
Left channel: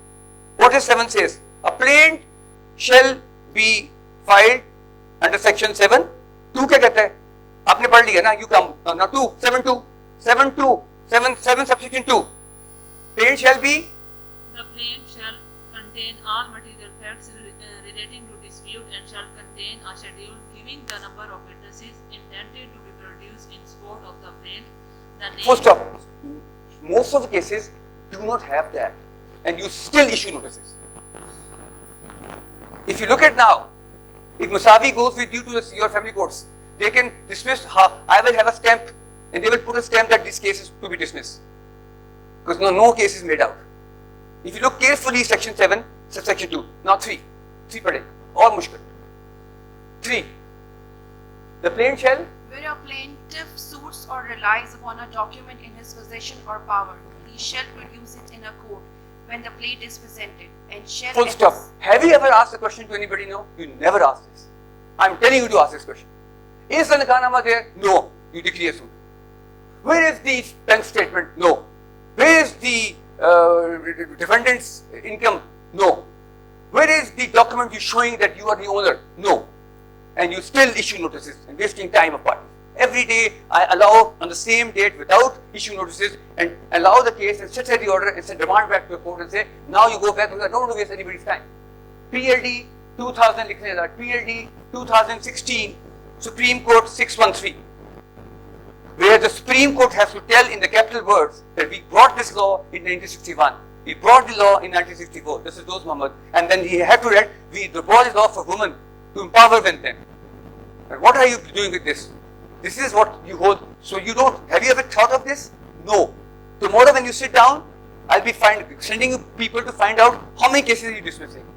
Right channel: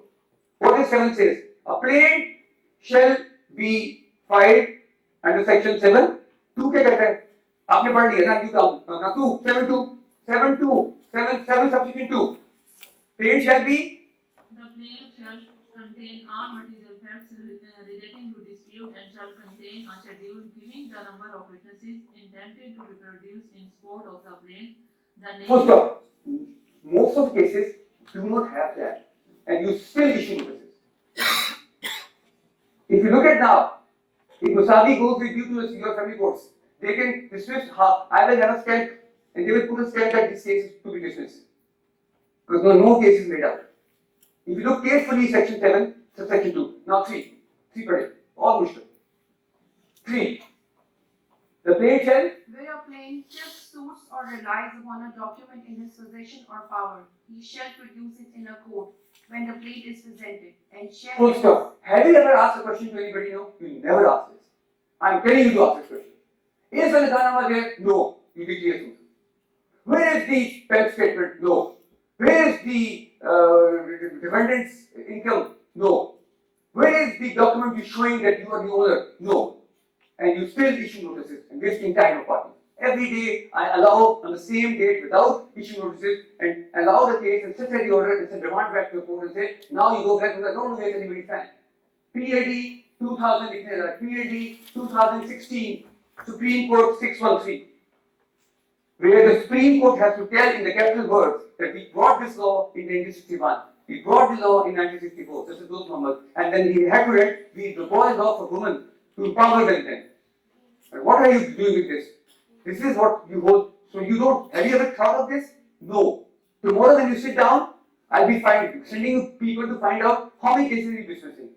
What does 7 says? A plaint shall be filed under section 7. 2 क्या कहता है? आपने पढ़ लिया ना? You come. Now 2, 7 subsection 2. Plaint shall be. The plaint shall contain all material facts relating to dispute and shall contain a schedule giving the number of witnesses intended to be produced in support of the plaint. Full stop. Most of the cases do not have that, and you still issue notices. If you look at now, if Musavi goes with you to your family courts, they can dismiss. I will have a stamp, and they will put a stamp that this case is to be dismissed, because no case is made out. If you look carefully, section 7, subsection 2, now 3 per day, all mushkil. 3. The plaint shall. Where a plaintiff suits or relies upon a document in his possession or power, he shall produce it in a court when the plaint is presented, and shall. Full stop. Have you ever asked the question to anybody? No, you never asked this. I'm telling you to ask this question. Is the nikah there? No. You declare suit. Where is the bank statement? No. Where is the defendant's income? No. Where is the document you showing that you are the owner? No. And you still issue notices and wasting time of parties. Every day I allow on the same date without issuing notices and allow the case and set the order and send demand back to the court and say, now you go back because I don't want to waste anybody's time. PLD 2000 लिखने का, PLD 2016, Supreme Court 613, where the Supreme Court has to tell in the capital words that we brought this law in 1961, we brought the law in 1964, this is those numbers, and then he had to write, we brought the law for women to empower them. And what are you doing with this? This is what you hold. So you don't, have you ever thought of this? No. Tomorrow when you sit down, I'll be sending you people to find out how many cases are you dismissing.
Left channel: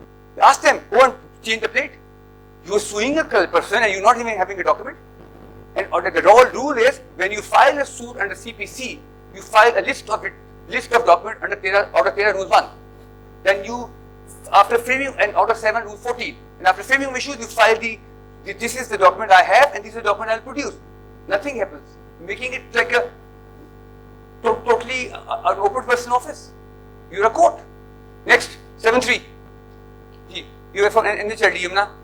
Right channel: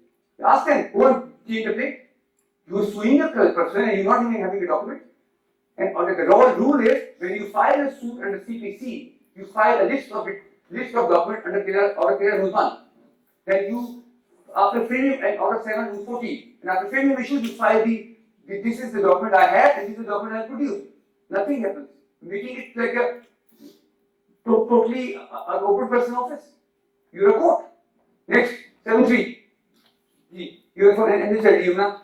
Ask them, go and change the plate. You're suing a person and you're not even having a document. And the rule is, when you file a suit under CPC, you file a list of documents under Order 13 Rule 1. Then you, after framing and Order 7 Rule 14, and after framing issues, you file this is the document I have and this is the document I'll produce. Nothing happens. Making it like a totally an open person office. You're a court. Next, 7-3. You are from NHLD, Yumna.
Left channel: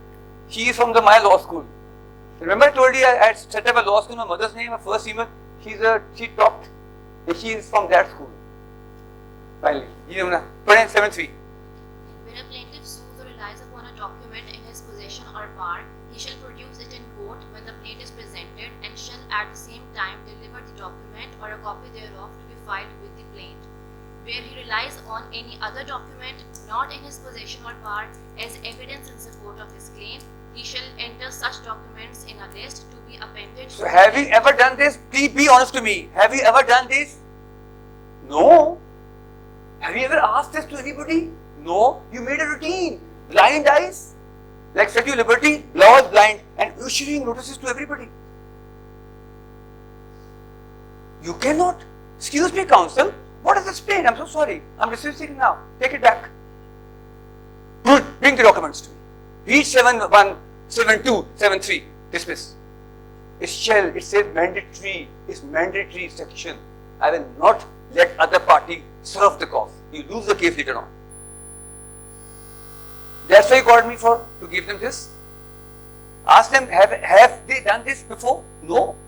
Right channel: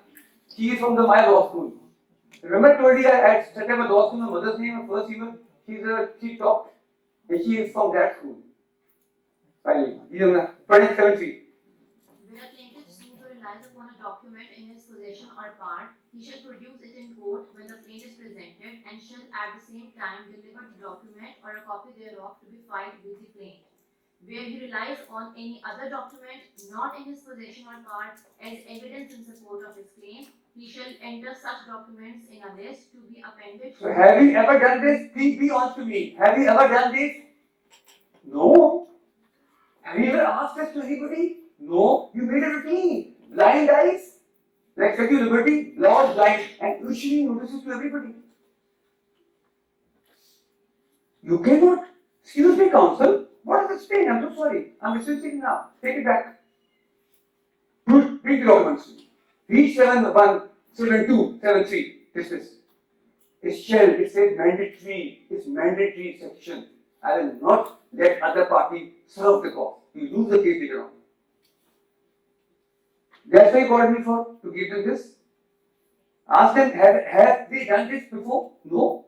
She is from the Maya Law School. Remember I told you I had set up a law school, my mother's name, my first female, she taught. And she is from that school. Finally, Yumna, 7-3. When a plaintiff sues or relies upon a document in his possession or power, he shall produce it in court when the plaint is presented and shall at the same time deliver the document or a copy thereof to be filed with the plaint. Where he relies on any other document not in his possession or power as evidence in support of his claim, he shall enter such documents in a list to be appended. So have you ever done this? Please be honest to me. Have you ever done this? No. Have you ever asked this to anybody? No. You made a routine. Blind eyes. Like Statue of Liberty, law is blind and issuing notices to everybody. You cannot. Excuse me, counsel. What is this plaint? I'm so sorry. I'm dismissing now. Take it back. Good. Bring the documents to me. Read 7-1, 7-2, 7-3. Dismiss. It shall. It says mandatory. It's mandatory section. I will not let other party serve the cause. You lose the case later on. That's why you called me for, to give them this. Ask them, have they done this before? No.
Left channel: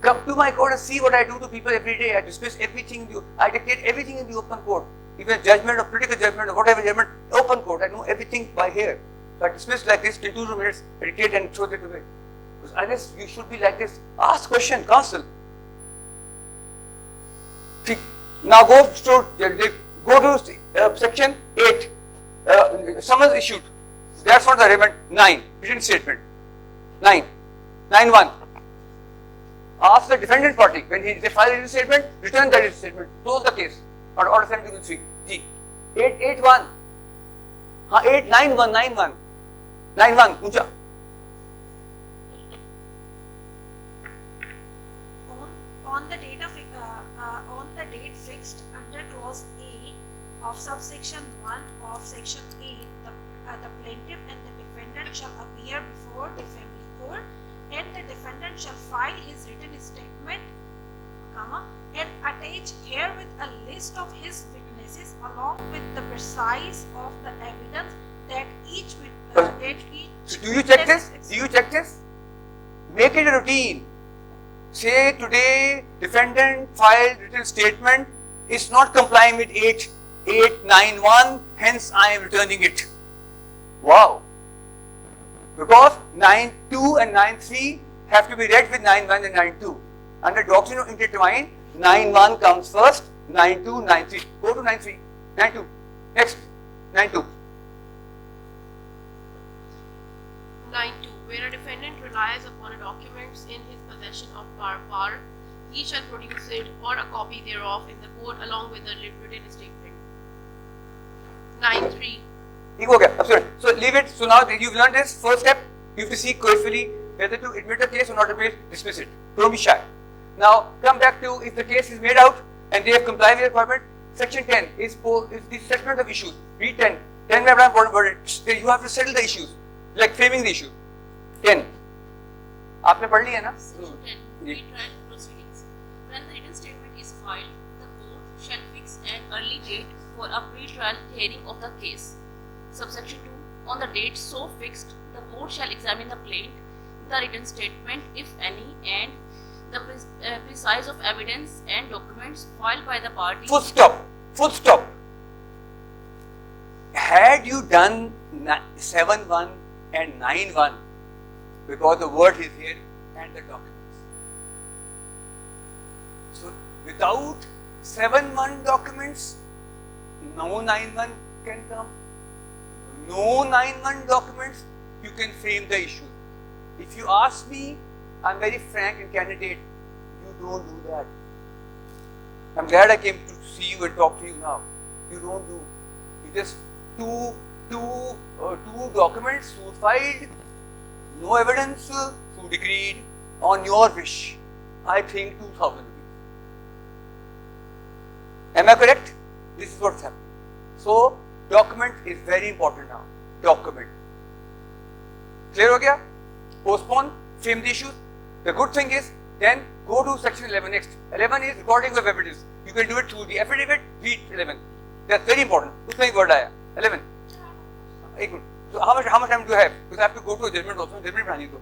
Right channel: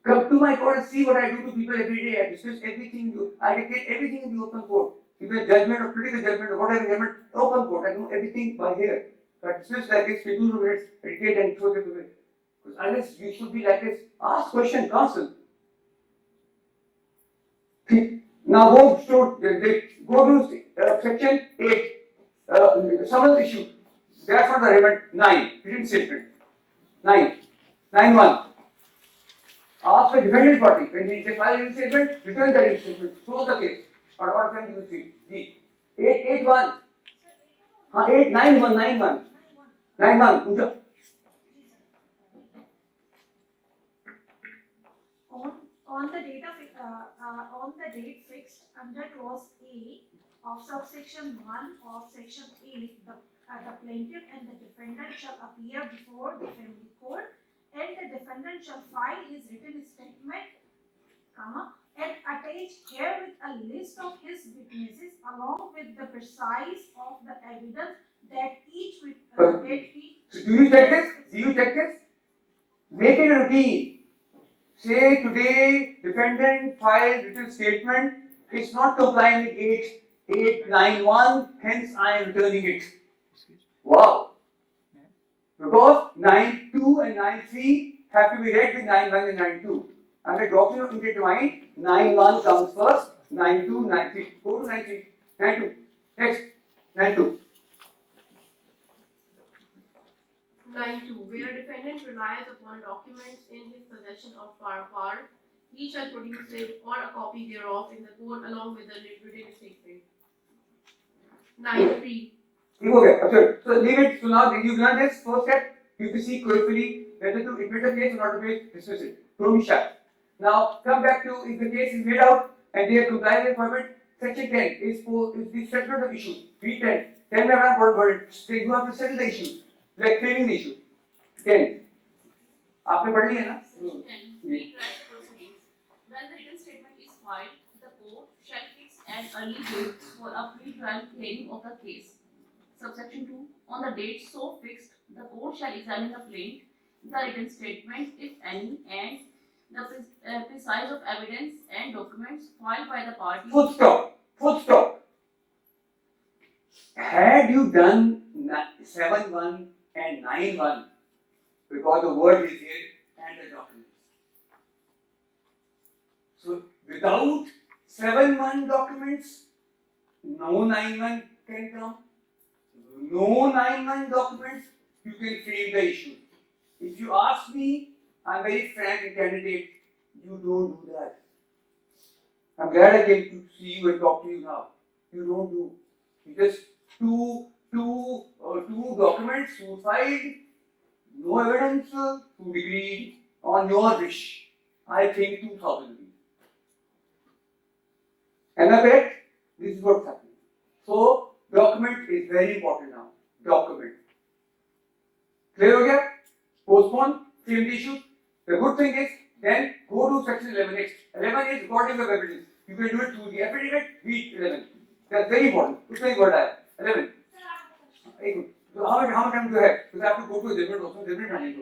Come to my court and see what I do to people every day. I dismiss everything, I dictate everything in the open court. Even judgment or critical judgment or whatever judgment, open court. I do everything by here. But dismiss like this, take 2 minutes, meditate and throw it away. Because unless you should be like this, ask question, counsel. Now go to section 8. Summons issued. That's not the relevant. 9. Written statement. 9. 9.1. Ask the defendant party when they file a written statement, return that written statement. Close the case. Or order 723. G. 8.1. 9.1. 9.1. Puja. On the date fixed under clause A of subsection 1 of section 8, the plaintiff and the defendant shall appear before the family court, and the defendant shall file his written statement, and attach herewith a list of his witnesses along with the precise of the evidence that each So do you check this? Do you check this? Make it a routine. Say today defendant filed written statement is not complying with 8.9.1, hence I am returning it. Wow. Because 9.2 and 9.3 have to be read with 9.1 and 9.2. Under doctrine of intertwine, 9.1 comes first, 9.2, 9.3. Go to 9.3, 9.2. Next, 9.2. 9.2. Where a defendant relies upon a document in his possession of par, he shall produce it or a copy thereof in the court along with the written statement. 9.3. Okay, absolutely. So leave it. So now you've done this first step. You have to see carefully whether to admit a case or not admit, dismiss it. Don't be shy. Now come back to if the case is made out and they have complied with the requirement. Section 10 is the settlement of issues. Read 10. 10 may have not you have to settle the issues, like framing the issue. 10. आपने पढ़ लिया ना? Section 10. Pretrial proceedings. When the written statement is filed, the court shall fix an early date for a pre-trial hearing of the case. Subsection 2. On the date so fixed, the court shall examine the plaint, the written statement, if any, and the precise of evidence and documents filed by the parties. Full stop. Full stop. Had you done 7.1 and 9.1, because the word is here and the documents. So without 7.1 documents, no 9.1 can come. No 9.1 documents, you can frame the issue. If you ask me, I'm very frank and candidate, you don't do that. I'm glad I came to see you and talk to you now. You don't do. You just two documents, two filed, no evidence, so decreed on your wish. I think 2,000. Am I correct? This is what's happening. So document is very important now. Document. Clear ho gaya? Postpone, frame the issue. The good thing is, then go to section 11 next. 11 is recording of evidence. You can do it through the affidavit, read 11. That's very important. Usme ek word aaya. 11. So how much time do you have? Because I have to go to a judgment also. Judgment planning.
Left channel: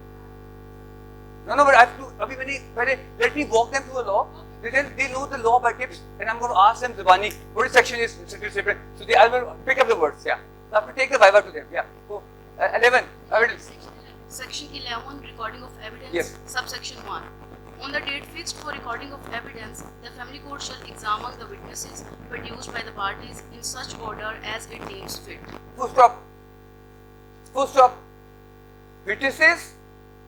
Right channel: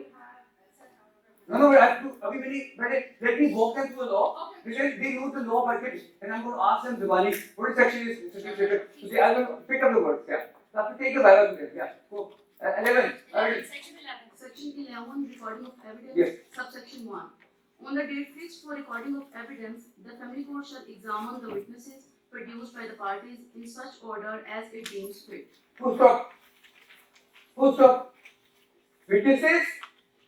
No, but I have to. Let me walk them through a law. Then they know the law by tips, and I'm going to ask them Zubani, what is section is separate. So I will pick up the words. Yeah. I have to take the Bible to them. Yeah. Go. 11. Evidence. Section 11, recording of evidence. Yes. Subsection 1. On the date fixed for recording of evidence, the family court shall examine the witnesses produced by the parties in such order as it deems fit. Full stop. Full stop. Witnesses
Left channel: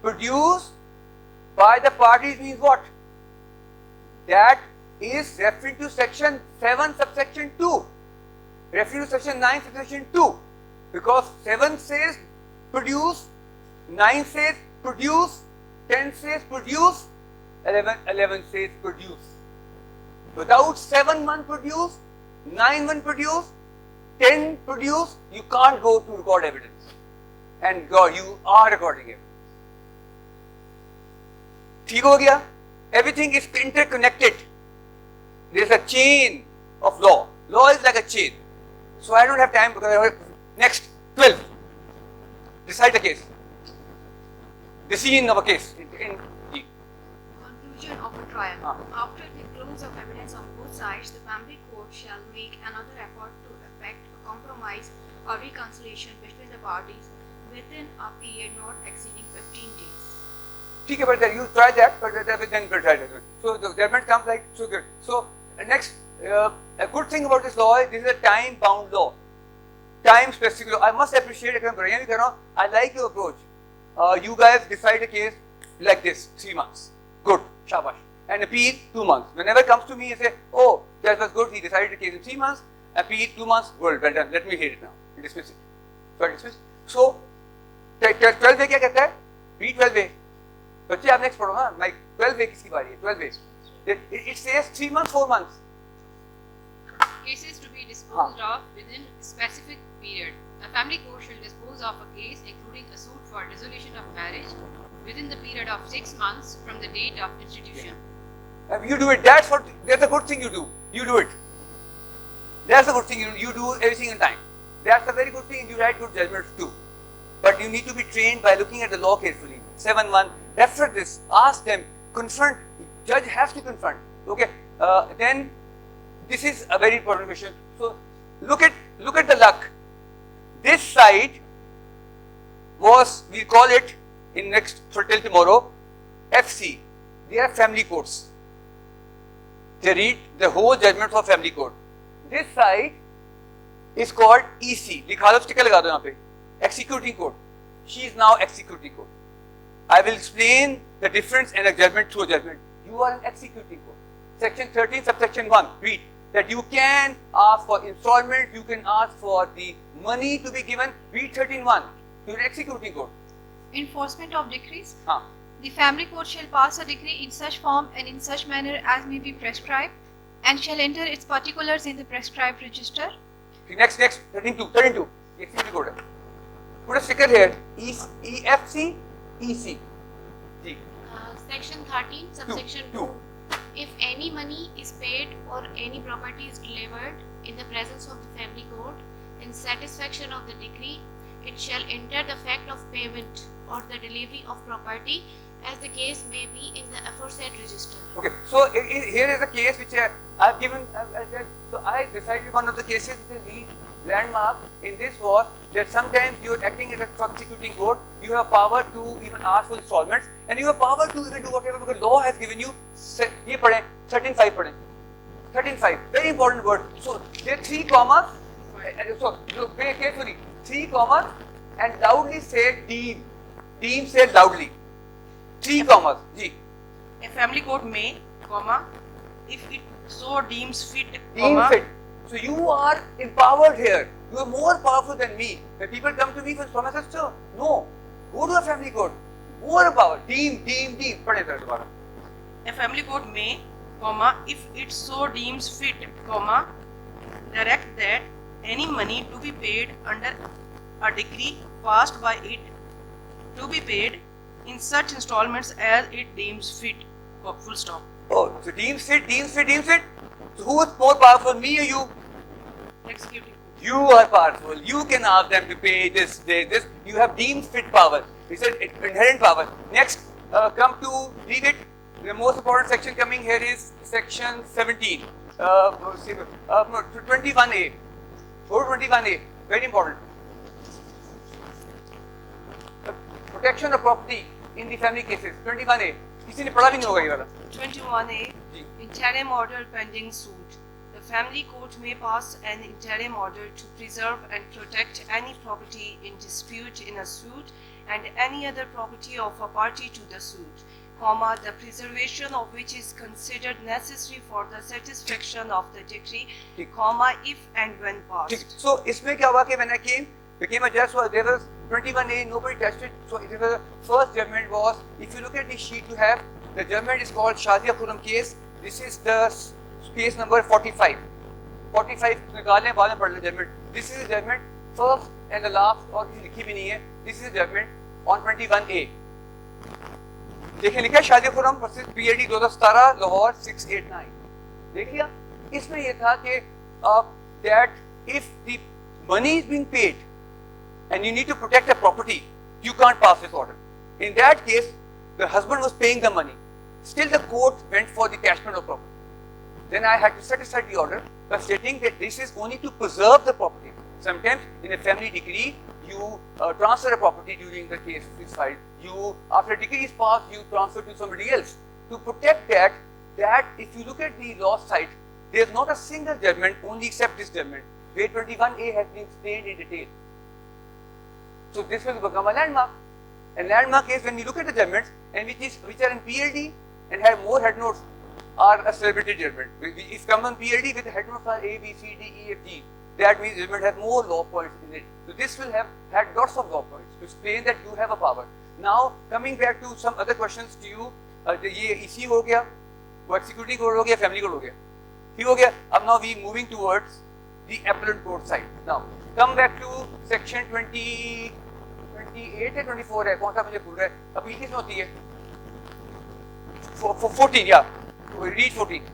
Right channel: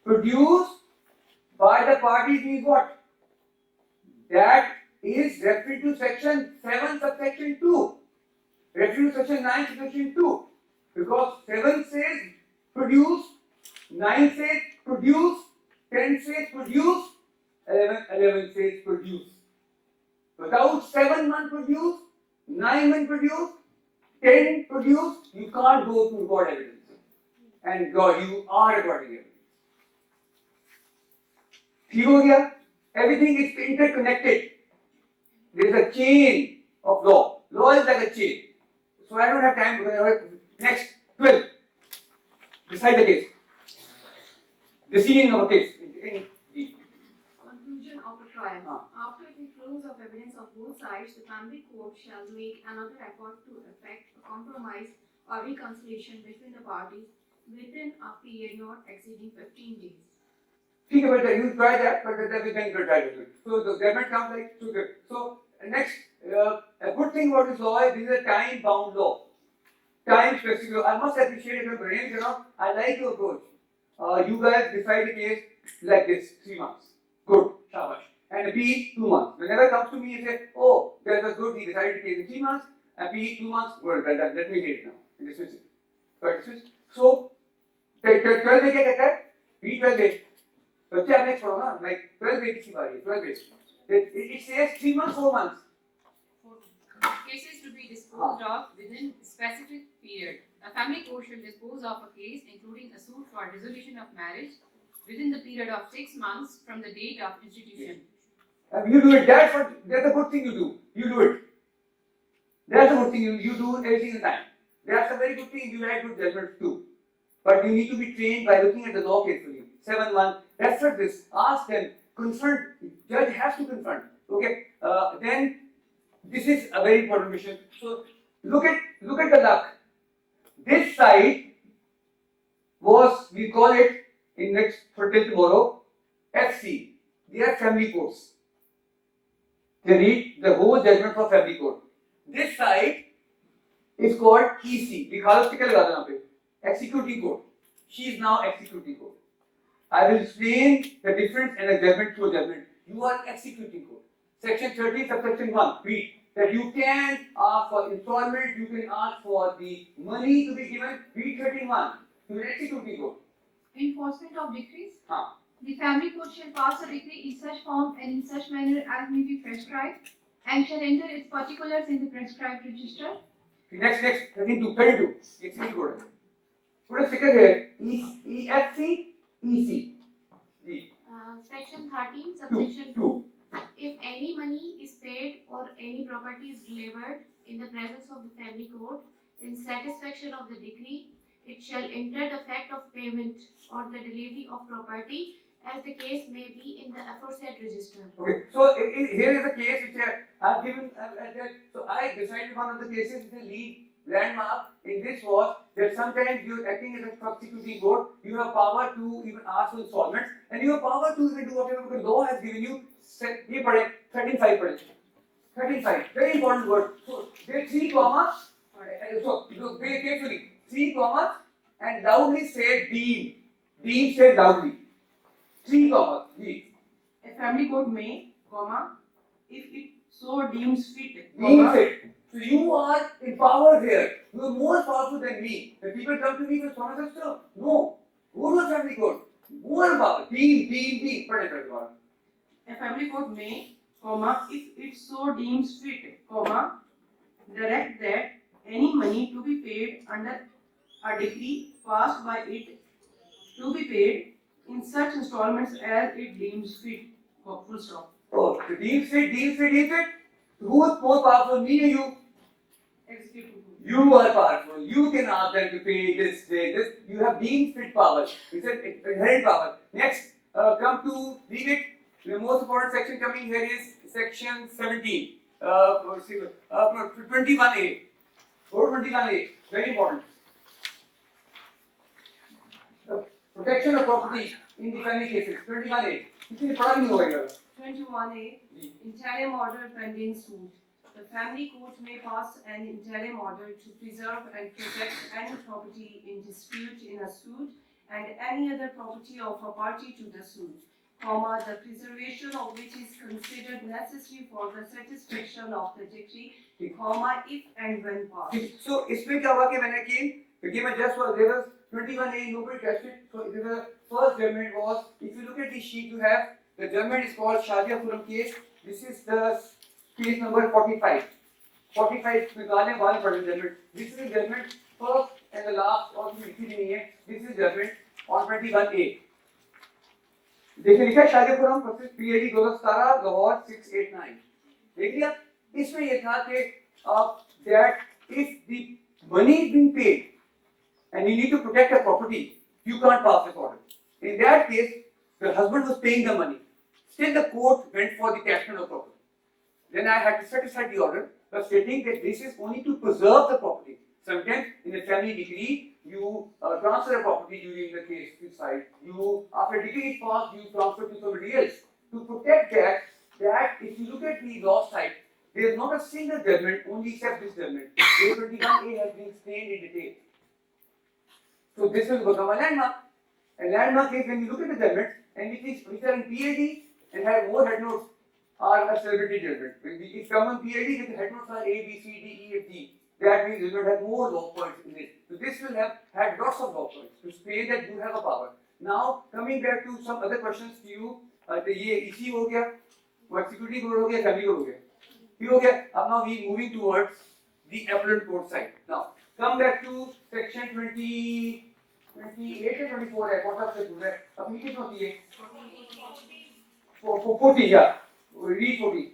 produced by the parties means what? That is referring to section 7 subsection 2. Referring to section 9 subsection 2. Because 7 says produce, 9 says produce, 10 says produce, 11 says produce. Without 7.1 produce, 9.1 produce, 10 produce, you can't go to record evidence. And God, you are recording evidence. ठीक हो गया? Everything is interconnected. There is a chain of law. Law is like a chain. So I don't have time because I have next 12. Decide the case. Decision of a case. Conclusion of a trial. After the close of evidence of both sides, the family court shall make another effort to effect a compromise or reconciliation between the parties. within a period not exceeding 15 days. Think about that. You try that, but that will then try it. So the judgment comes like so good. So next, a good thing about this law is this is a time-bound law, time-specific law. I must appreciate it. I like your approach. You guys decide a case like this, 3 months. Good, shabash. And appeal 2 months. Whenever it comes to me and say, oh, that was good, he decided a case in 3 months, appeal 2 months, good, well done, let me hear it now. Dismiss it. So dismiss it. So 12 में क्या कहता है? B12 में. बच्चे आप next पढ़ो ना, like 12 में किसकी बारी है? 12 में. It says 3 months, 4 months. Cases to be disposed of within a specific period. A family court shall dispose of a case, including a suit for dissolution of marriage, within the period of 6 months from the date of institution. You do it. That's a good thing you do. You do it. That's a good thing you do every single time. That's a very good thing. You write good judgments too. But you need to be trained by looking at the law carefully. 7-1. Refer this. Ask them. Confront. Judge has to confront. Okay. Then this is a very important question. So look at the luck. This side was, we call it in next till tomorrow, FC. They are family courts. They read the whole judgment for family court. This side is called EC. Executing court. She is now executing court. I will explain the difference in a judgment to a judgment. You are executing court. Section 13, subsection 1. Read that you can ask for installment, you can ask for the money to be given. Read 13.1. You are executing court. Enforcement of decrees. Haan. The family court shall pass a decree in such form and in such manner as may be prescribed, and shall enter its particulars in the prescribed register. Next, 32. Executing court. Put a sticker here. EFC, EC. Section 13, subsection 2. If any money is paid or any property is delivered in the presence of the family court in satisfaction of the decree, it shall enter the fact of payment or the delivery of property as the case may be in the aforesaid register. Okay, so here is a case which I've given. So I decided one of the cases, the landmark in this was that sometimes you are acting as a prosecuting court, you have power to even ask for installments, and you have power to even do whatever because law has given you. 13.5. Very important word. So there are 3 commas. So look very carefully. 3 commas and loudly say deem. Deem says loudly. 3 commas. G. A family court may, comma, if it so deems fit, Deem comma. fit. So you are empowered here. You are more powerful than me. When people come to me for promises, so no. Go to a family court. More empowered. Deem. A family court may, comma, if it so deems fit, comma, direct that any money to be paid under a decree passed by it to be paid in such installments as it deems fit, full stop. Oh, so deems fit. So who is more powerful, me or you? Executing. You are powerful. You can ask them to pay this. You have deemed fit power. It's an inherent power. Next, come to read it. The most important section coming here is section 17. 21A. 421A. Very important. Protection of property in the family cases. 21A. किसी ने पढ़ा भी नहीं होगा ये वाला. 21A. Interim order pending suit. The family court may pass an interim order to preserve and protect any property in dispute in a suit and any other property of a party to the suit, comma, the preservation of which is considered necessary for the satisfaction of the decree, comma, if and when passed. So, इसमें क्या हुआ कि when I became a judge, so there was 21A, nobody touched it. So, the first judgment was, if you look at the sheet you have, the judgment is called Shadia Puram case. This is the case number 45. 45 निकालने वाले पढ़ judgment. This is the judgment first and the last और लिखी भी नहीं है. This is the judgment on 21A. देखिए लिखा शादीपुरम प्रसिद्ध PAD 2017 लाहौर 689. देख लिया? इसमें ये था कि that if the money is being paid and you need to protect a property, you can't pass this order. In that case, the husband was paying the money. Still the court went for the cashment of property. Then I had to set aside the order by stating that this is only to preserve the property. Sometimes in a family decree, you transfer a property during the case is filed. You, after decree is passed, you transfer to somebody else. To protect that if you look at the law side, there is not a single judgment only except this judgment. A21A has been explained in detail. So this will become a landmark. A landmark is when we look at the judgments and which are in PLD and have more head notes are a celebrated judgment. If common PLD with head notes are A, B, C, D, E, F, G, that means judgment has more law points in it. So this will have had lots of law points to say that you have a power. Now coming back to some other questions to you, ये इसी हो गया, वो executing court हो गया, family court हो गया, ठीक हो गया. अब now we moving towards the appellate court side. Now come back to section 28 या 24 है, कौन सा मुझे भूल रहा है, अभी कितनी होती है? 14, yeah. Read 14.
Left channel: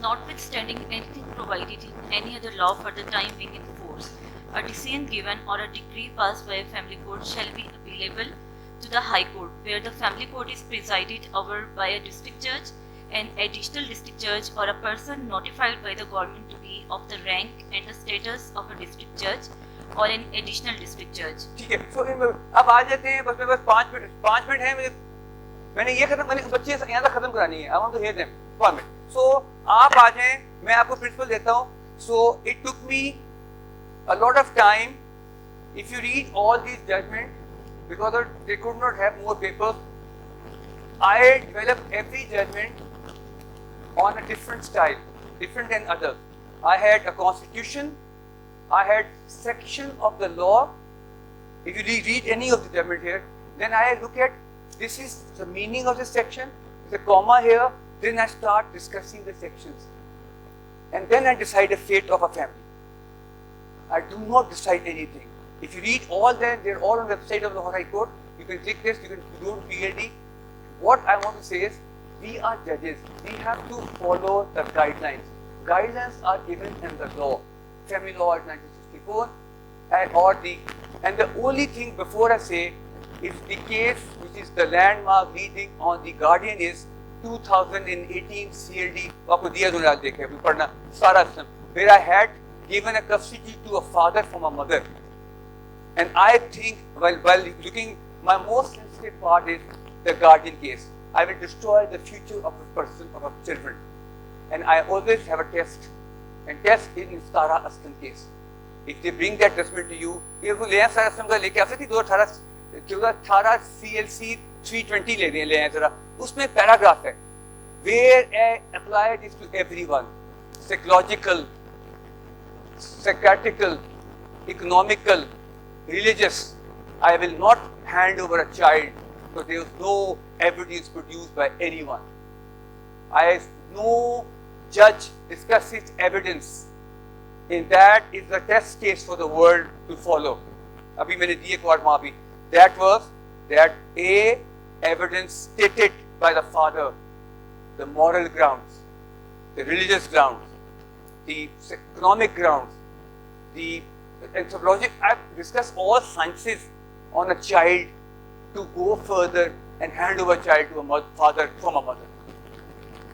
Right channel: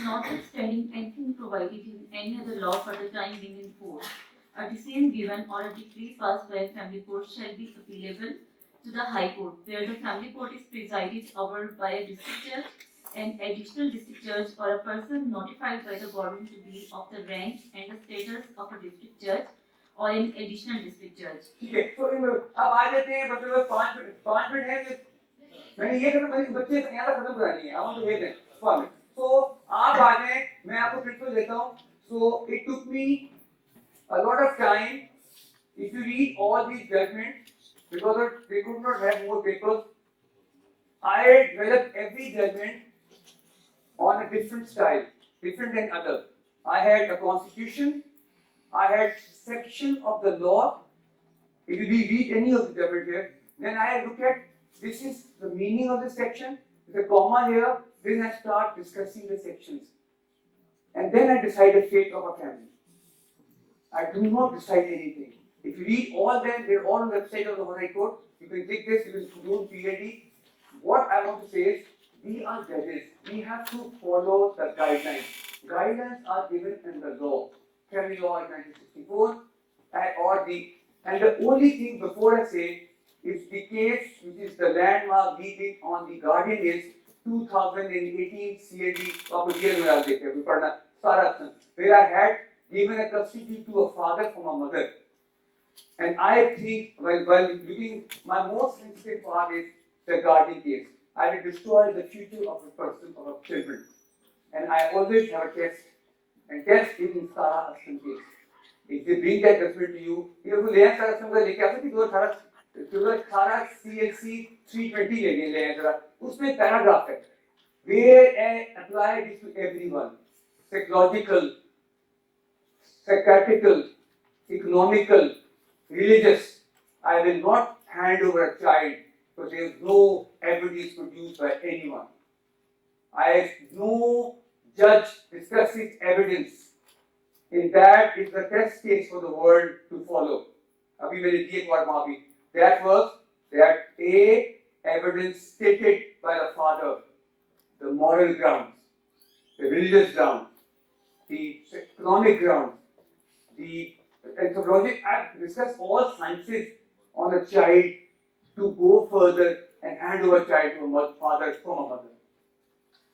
Notwithstanding anything provided in any other law for the time being in force, a decision given or a decree passed by a family court shall be appealable to the High Court, where the family court is presided over by a district judge, an additional district judge, or a person notified by the government to be of the rank and the status of a district judge or an additional district judge. ठीक है. So अब आ जाते हैं, बच्चे बस 5 minute है. मैंने ये खत्म, मैंने बच्चे यहाँ तक खत्म करानी है. I want to hear them. 5 minute. So आप आ जाएं, मैं आपको प्रिंसिपल देता हूँ. So it took me a lot of time. If you read all these judgments, because they could not have more papers, I developed every judgment on a different style, different than other. I had a constitution, I had section of the law. If you read any of the judgment here, then I look at this is the meaning of the section, the comma here, then I start discussing the sections. And then I decide the fate of a family. I do not decide anything. If you read all them, they're all on the website of the High Court. You can click this, you can go to PLD. What I want to say is, we are judges. We have to follow the guidelines. Guidelines are given in the law. Family law in 1964 and the only thing before I say, if the case which is the landmark leading on the guardian is 2018 CLD, आपको दिया तो याद देखे, पढ़ना सारा, where I had given a custody to a father from a mother. And I think while looking, my most sensitive part is the guardian case. I will destroy the future of a person, of a children. And I always have a test. And test in Sara Aslam case. If they bring that judgment to you, ये वो ले सारा असलम का लेके आ सकती 2018 CLC 320 ले आए जरा. उसमें पैराग्राफ है. Where I apply this to everyone. Psychological, psychiatrical, economical, religious. I will not hand over a child because there is no evidence produced by anyone. No judge discusses evidence. In that is the test case for the world to follow. Abhi maine diye ek baar maafi. That was that A, evidence stated by the father, the moral grounds, the religious grounds, the economic grounds, the anthropologic. I discuss all sciences on a child to go further and hand over a child to a father from a mother.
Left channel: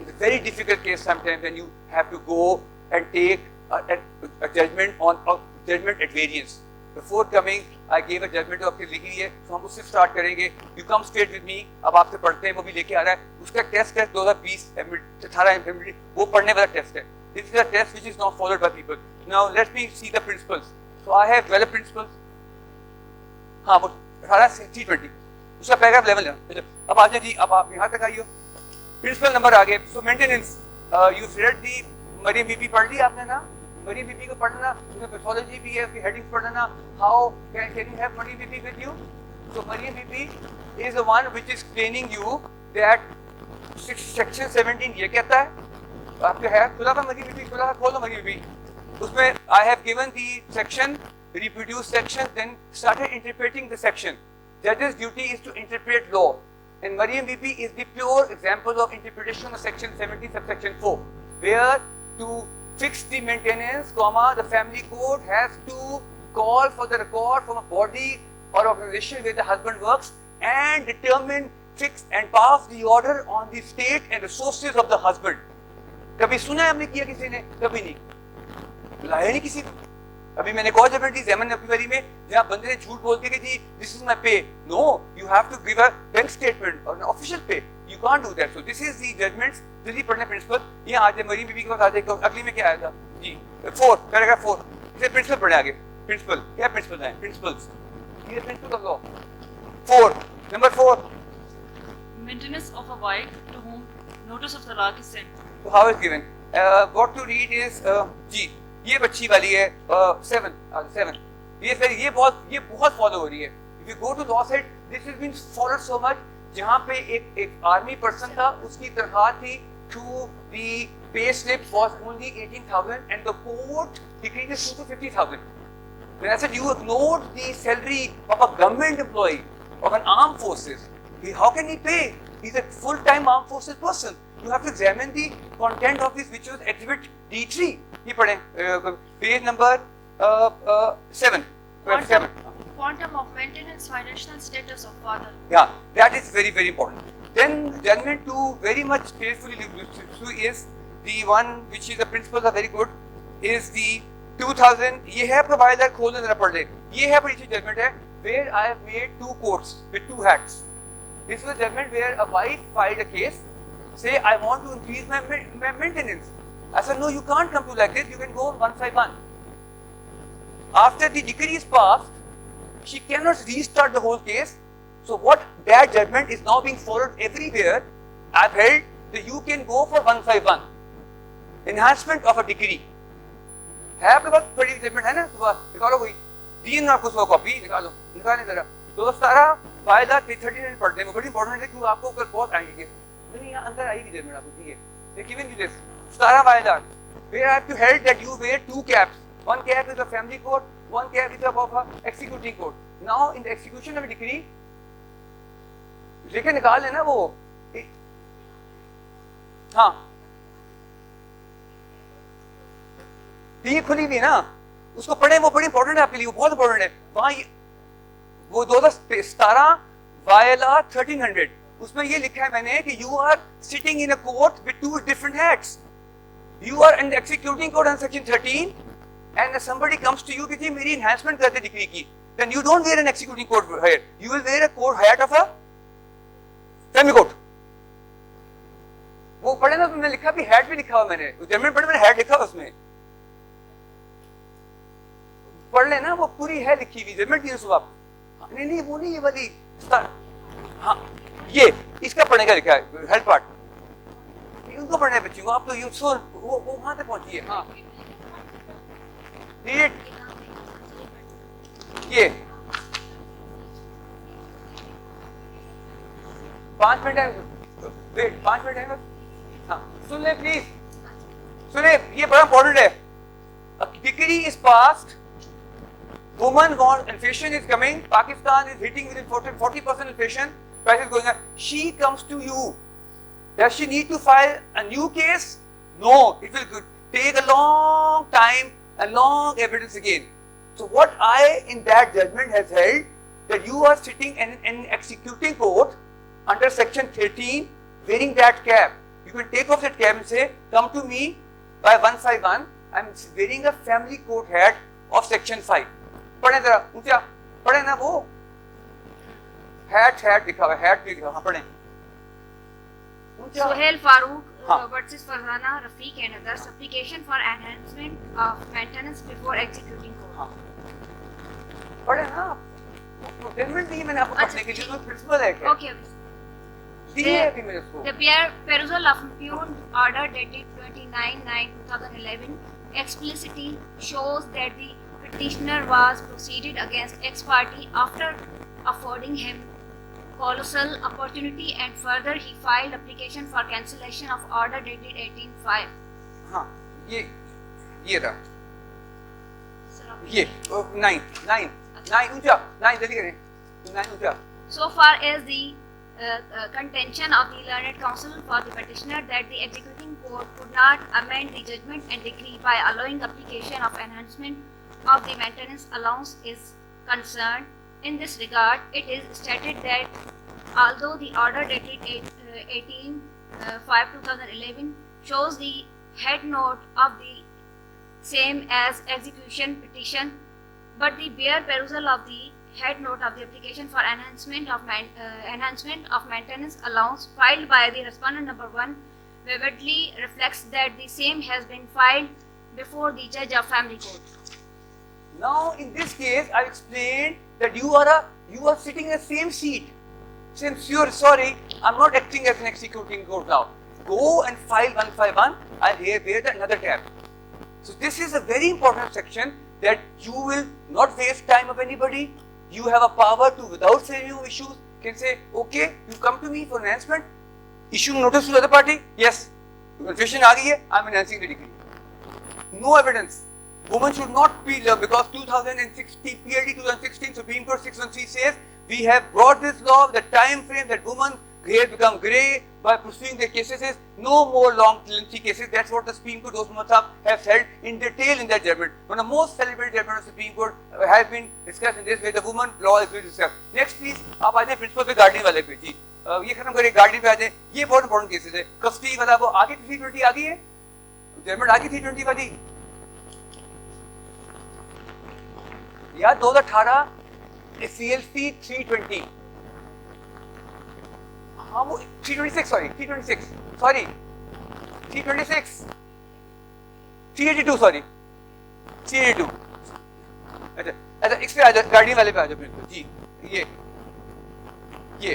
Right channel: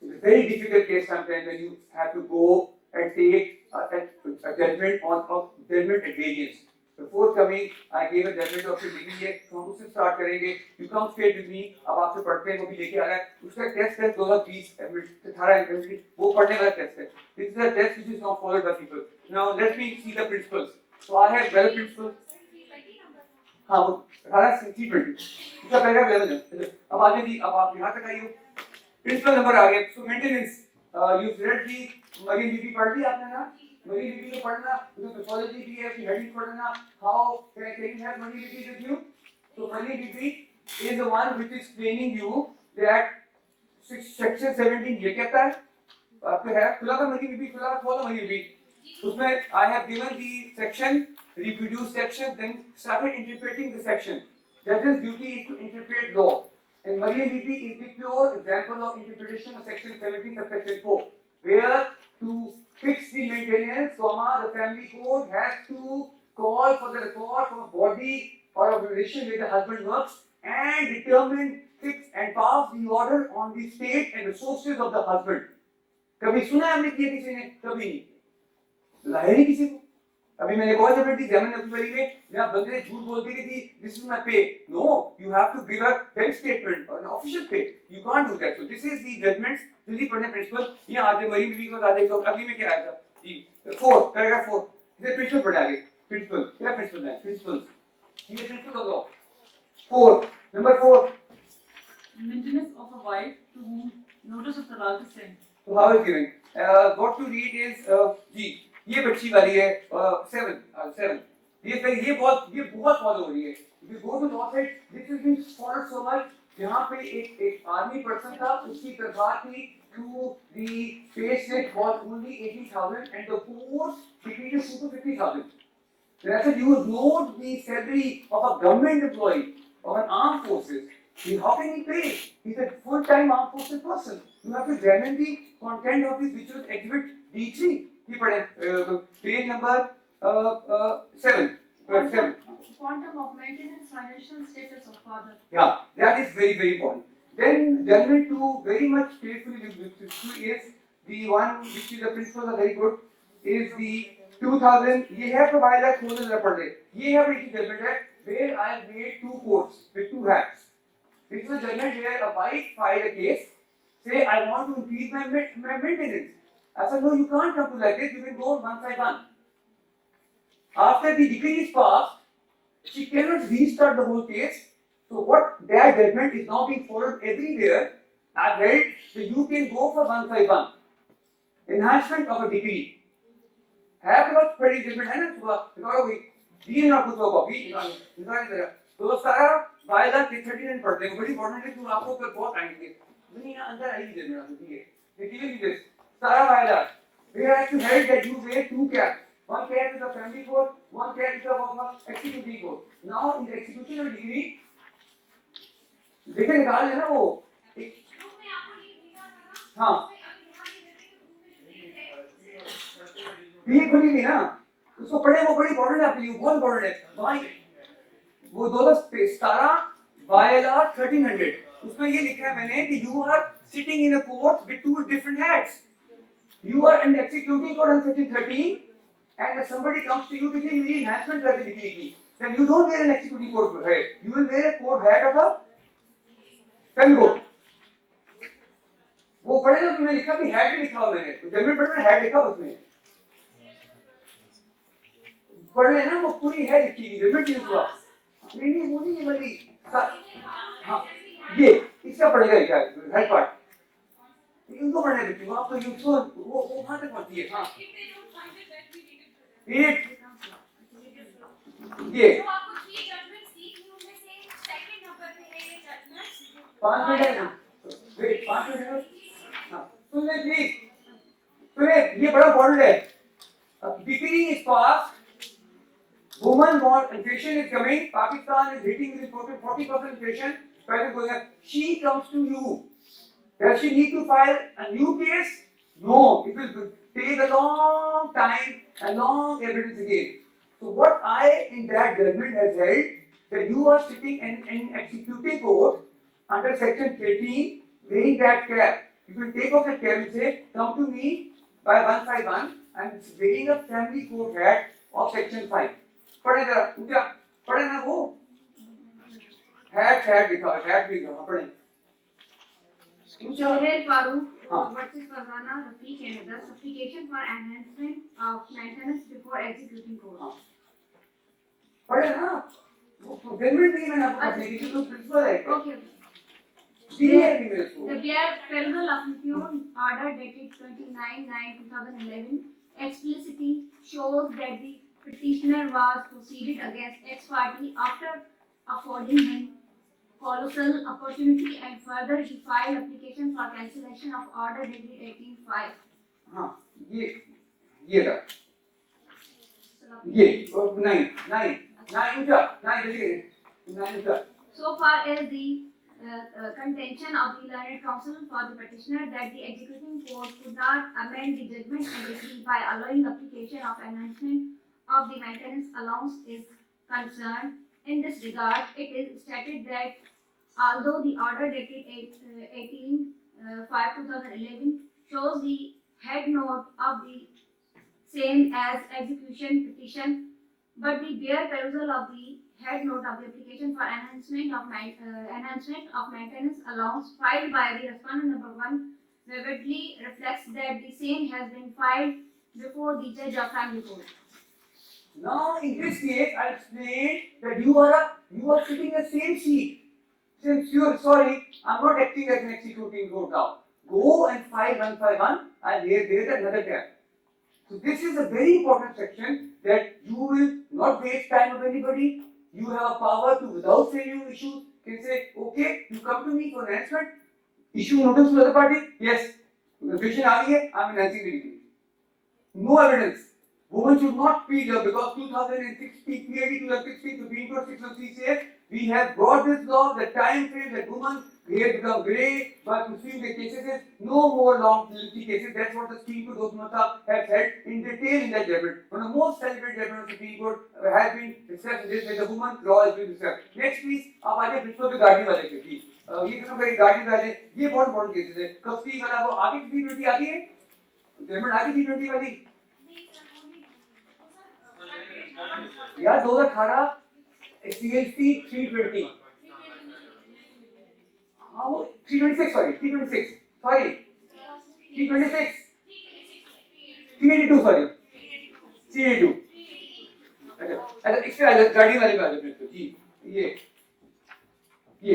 It's a very difficult case sometimes when you have to go and take a judgment on a judgment at variance. Before coming, I gave a judgment of आपकी लिखी है, तो हम उससे start करेंगे. You come straight with me. अब आपसे पढ़ते हैं, वो भी लेके आ रहा है. उसका test है 2020 18 वो पढ़ने वाला test है. This is a test which is not followed by people. Now let me see the principles. So I have developed principles. हाँ वो 18 T20 उसका पैराग्राफ लेवल है. अब आ जाए जी, अब आप यहाँ तक आइए. प्रिंसिपल नंबर आ गए. So maintenance. You read the Maryam बीबी पढ़ ली आपने ना? मरीम बीबी को पढ़ना, उसमें पैथोलॉजी भी है, उसकी हेडिंग पढ़ना. How can you have Maryam Bibi with you? So Maryam Bibi is the one which is explaining you that section 17 ये कहता है. आपके है खुला का मरीम बीबी, खुला खोलो मरीम बीबी. उसमें I have given the section, reproduce section, then started interpreting the section. Judge's duty is to interpret law. And Mariam Bibi is the pure example of interpretation of section 17 subsection 4, where to fix the maintenance, the family court has to call for the record from a body or organization where the husband works and determine, fix and pass the order on the state and resources of the husband. कभी सुना है हमने किया किसी ने? कभी नहीं. लाया नहीं किसी को। अभी मैंने कहा जब एग्जामिन अपनी बारी में जहाँ बंदे ने झूठ बोल दिया कि जी this is my pay, no you have to give a bank statement और an official pay, you can't do that. So this is the judgments जल्दी पढ़ने प्रिंसिपल। ये आज मरी बीबी के पास आ जाएगा, अगली में क्या आएगा जी 4 पैराग्राफ 4 इसे प्रिंसिपल पढ़े आगे। प्रिंसिपल क्या प्रिंसिपल है, प्रिंसिपल्स ये principle of law 4 number 4 Maintenance of a wife to whom notice of talaq is sent. So how is given? What to read is जी ये बच्ची वाली है 7 ये बहुत फॉलो हो रही है। If you go to law side, this has been followed so much। जहाँ पे एक आर्मी पर्सन था, उसकी तनख्वाह थी to the pay slip was only 18,000 and the court decreed it to 50,000। Then I said you ignored the salary of a government employee of an armed forces। How can he pay? He's a full-time armed forces person। You have to examine the content of this, which was exhibit D3। ये पढ़े page number 7 Quantum of maintenance financial status of father. Yeah, that is very very important। Then judgment to very much carefully look to is the one which is the principles are very good is the 2000 ये है provide that close जरा पढ़ ले। ये है बड़ी सी judgment है where I have made 2 courts with 2 hats। This was judgment where a wife filed a case, say I want to increase my maintenance। I said no, you can't come to like this, you can go one by one। After the decree is passed, she cannot restart the whole case। So what that judgment is now being followed everywhere। I've held that you can go for one by one enhancement of a decree। है आपके पास बड़ी judgment है ना, निकालो कोई दी ना आपको 100 copy निकालें जरा। तो सारा फाइल 339 पढ़ते हैं, बड़ी इंपॉर्टेंट है क्योंकि आपको ऊपर बहुत टाइम लगेगा। नहीं यहाँ अंदर आई जजमेंट आपको दिए, they given you this सारा file where I have to held that you wear 2 caps, one cap is a family court, one cap is of a executing court। Now in the execution of a decree लेके निकाल लेना वो, हाँ दी खुली भी ना, उसको पढ़े, वो बड़ी इंपॉर्टेंट है आपके लिए, वो बहुत इंपॉर्टेंट है। वहाँ वो 2017 वायला 1300 उसमें ये लिखा है मैंने कि you are sitting in a court with 2 different hats। You are in the executing court on section 13 and somebody comes to you कि जी मेरी enhancement कर दे डिग्री की, then you don't wear an executing court hat, you will wear a court hat of a family court। वो पढ़े ना, उसमें लिखा भी hat भी लिखा हुआ मैंने, जमीन पढ़े मैंने hat लिखा उसमें, पढ़ लेना वो पूरी है लिखी हुई जमीन की सुबह। नहीं वो नहीं, ये वाली हाँ ये इसका पढ़ने का लिखा है हेड पार्ट, उनको पढ़ने बच्चों को। आप तो यूं सो वो कहाँ तक पहुंची है। हाँ ये 5 मिनट है, वेट 5 मिनट है। हाँ सुन ले प्लीज, सुने ये बड़ा इंपॉर्टेंट है। Degree is passed, woman want inflation is coming, Pakistan is hitting within 40% inflation, price is going up, she comes to you, does she need to file a new case? No, it will take a long time and long evidence again। So what I in that judgment has held that you are sitting in an executing court under section 13 wearing that cap, you can take off that cap and say come to me by 151, I am wearing a family court hat of section 5। पढ़े जरा ऊंचा पढ़े ना, वो hat लिखा हुआ है, hat लिखा हुआ पढ़े। Sohail Farooq हाँ versus Farhana Rafiq and others, application for enhancement of maintenance before executing court। हाँ पढ़े ना, डेफिनेटली मैंने आपको एप्लीकेशन में प्रिंसिपल है। Okay। दिए है मेरे को। The perusal of impugn order dated 29/9/2011 explicitly shows that the petitioner was proceeded against ex party after affording him colossal opportunity and further he filed application for cancellation of order dated 18/5। हाँ ये रहा ये 9 जल्दी करें 9 So far as the contention of the learned counsel for the petitioner that the executing court could not amend the judgment and decree by allowing application of enhancement of the maintenance allowance is concerned. In this regard, it is stated that although the order dated 18/5/2011 shows the head note of the same as execution petition, but the bare perusal of the head note of the application for enhancement of maintenance allowance filed by the respondent number 1 vividly reflects that the same has been filed before the judge of family court. Now, in this case, I explained that you are sitting in the same seat. Since you are sorry, I'm not acting as an executing court now. Go and file 151. I'll bear another tab. So this is a very important section that you will not waste time of anybody. You have a power to, without scenario issues, can say, okay, you come to me for enhancement. Issue notice to the other party. Yes, confession aa gayi hai, I'm enhancing the decree. No evidence. Women should not be there because 2016 PLD 2016 Supreme Court 613 says we have brought this law. The time frame that women hair become grey by pursuing their cases is no more long lengthy cases. That's what the Supreme Court have said in detail in that judgment. One of the most celebrated judgments of the Supreme Court has been discussed in this way. The woman law has been discussed. Next, please, आप आ जाए principal पे guardian वाले पे जी. ये खत्म करें guardian पे आ जाए. ये बहुत इंपॉर्टेंट केसेस है. कस्टडी वाला वो आगे 320 आ गई है. जजमेंट आगे 320 वाली. यार 2018 CLC 320. हाँ वो 326 sorry 326 sorry 326 382 sorry 382. अच्छा इस पे आ जाओ गाड़ी वाले पे आ जाओ बिल्कुल जी. ये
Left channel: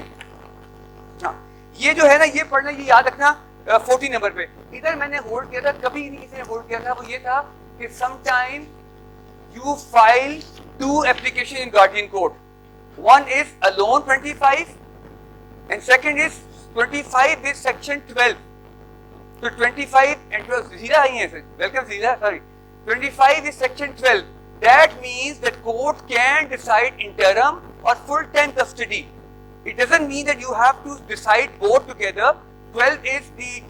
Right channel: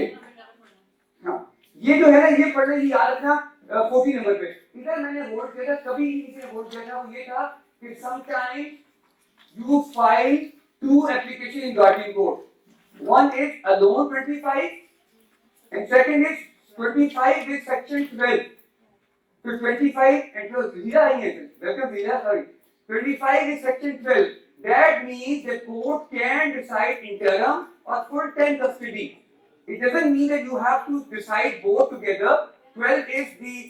हाँ ये जो है ना ये पढ़ने की याद रखना 40 नंबर पे. इधर मैंने होल्ड किया था कभी नहीं किसी ने होल्ड किया था. वो ये था कि sometime you file two applications in guardian court. One is alone 25 and second is 25 with section 12. So 25 and 12 Zira आई है sir. Welcome Zira. Sorry. 25 is section 12. That means that court can decide interim or full-time custody. It doesn't mean that you have to decide both together. 12 is the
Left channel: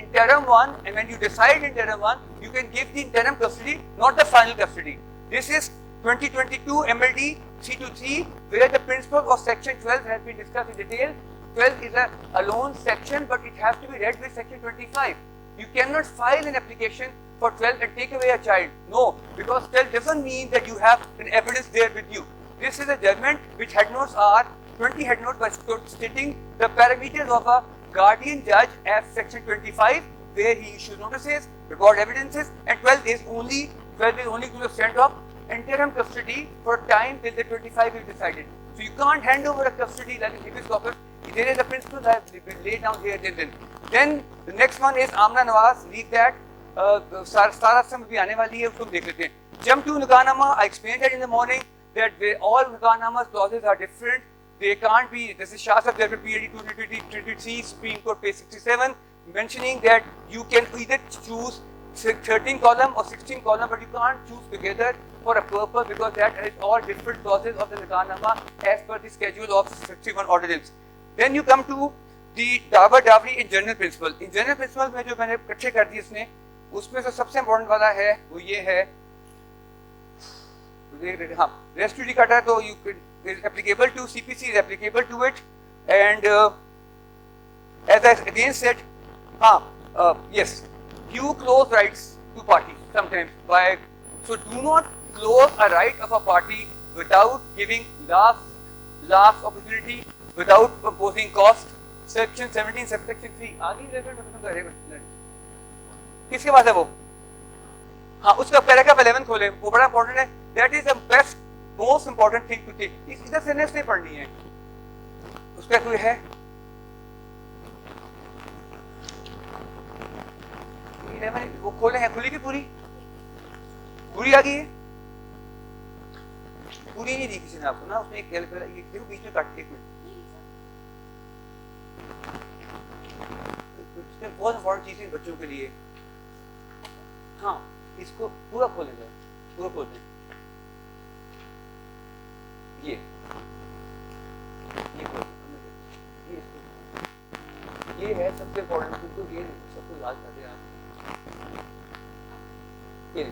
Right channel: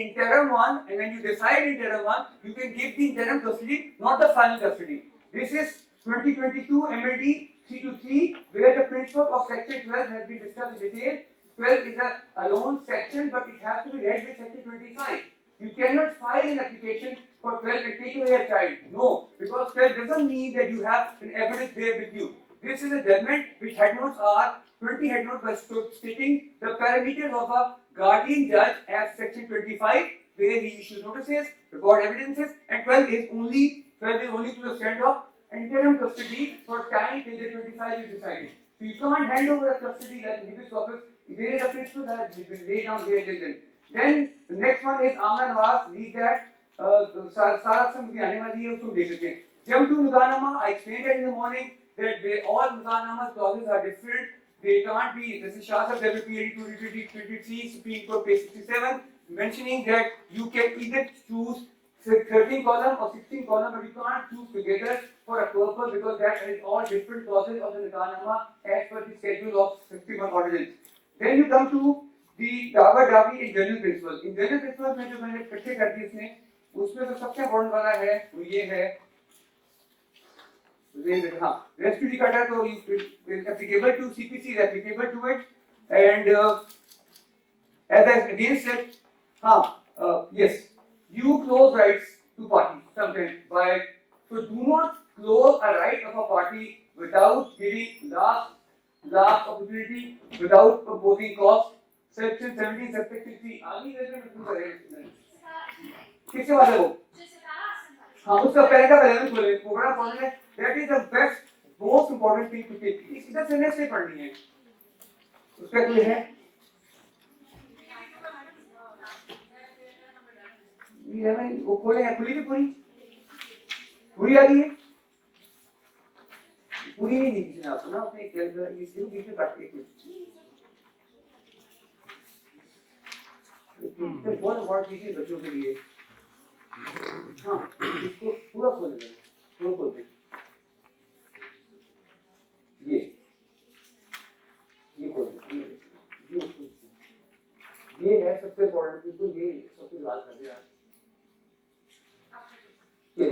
interim one, and when you decide interim one, you can give the interim custody, not the final custody. This is 2022 MLD 323, where the principle of section 12 has been discussed in detail. 12 is a alone section, but it has to be read with section 25. You cannot file an application for 12 and take away a child. No, because 12 doesn't mean that you have an evidence there with you. This is a judgment which head notes are 20 head notes by stating the parameters of a guardian judge as section 25, where he issues notices, record evidences, and 12 is only to the extent of interim custody for time till the 25 is decided. So you can't hand over a custody like in previous corpus. There is a principle that has been laid down here and then the next one is Amna Nawaz. Read that. Sara Sam bhi aane wali hai, usko dekh lete hain. Jump to Nukanama. I explained that in the morning that all Nukanama's clauses are different. They can't be. This is Shah Sahib PLD 223 Supreme Court page 67, mentioning that you can either choose 13 column or 16 column, but you can't choose together for a purpose because that is all different clauses of the Nukanama as per the schedule of 61 ordinance. Then you come to the Tower Dowry in general principle. In general principle में जो मैंने इकट्ठे कर दिए इसने, उसमें से सबसे important वाला है वो ये है. हाँ, res judicata तो is applicable to CPC, is applicable to it, and as I again said, yes, you close rights to party sometimes by, so do not close a right of a party without giving last opportunity, without proposing cost. Section 17 subsection 3 आगे level मतलब करेगा किसके बाद है वो. हाँ उसका paragraph 11 खोले, वो बड़ा इंपॉर्टेंट है. That is the best most important thing to take. इधर से नेक्स्ट नहीं पढ़नी है. उसका कोई है वो खोले हैं. खुली की पूरी आ गई है. पूरी नहीं दी किसी ने आपको ना. उसने एक बीच में काट के इसमें बहुत इंपॉर्टेंट चीजें बच्चों के लिए. हाँ इसको पूरा खोलेंगे, पूरा खोलते ये है सबसे इंपॉर्टेंट. तो ये सबको याद कर देना. ये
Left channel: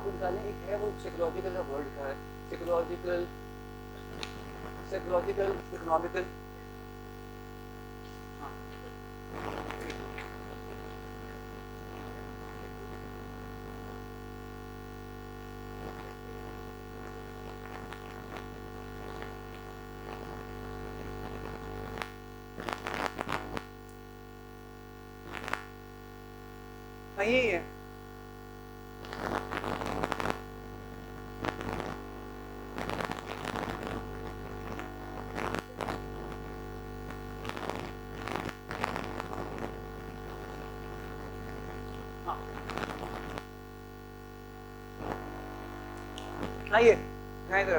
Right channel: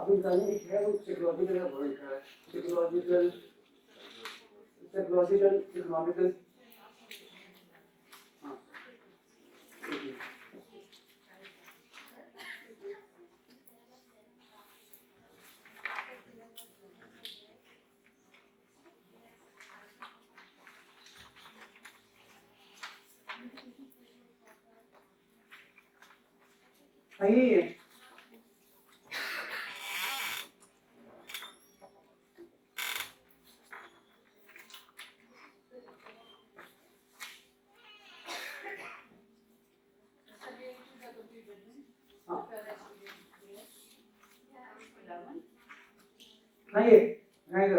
आपको जाने है वो psychological का word लिखा है psychological economical यही है आइए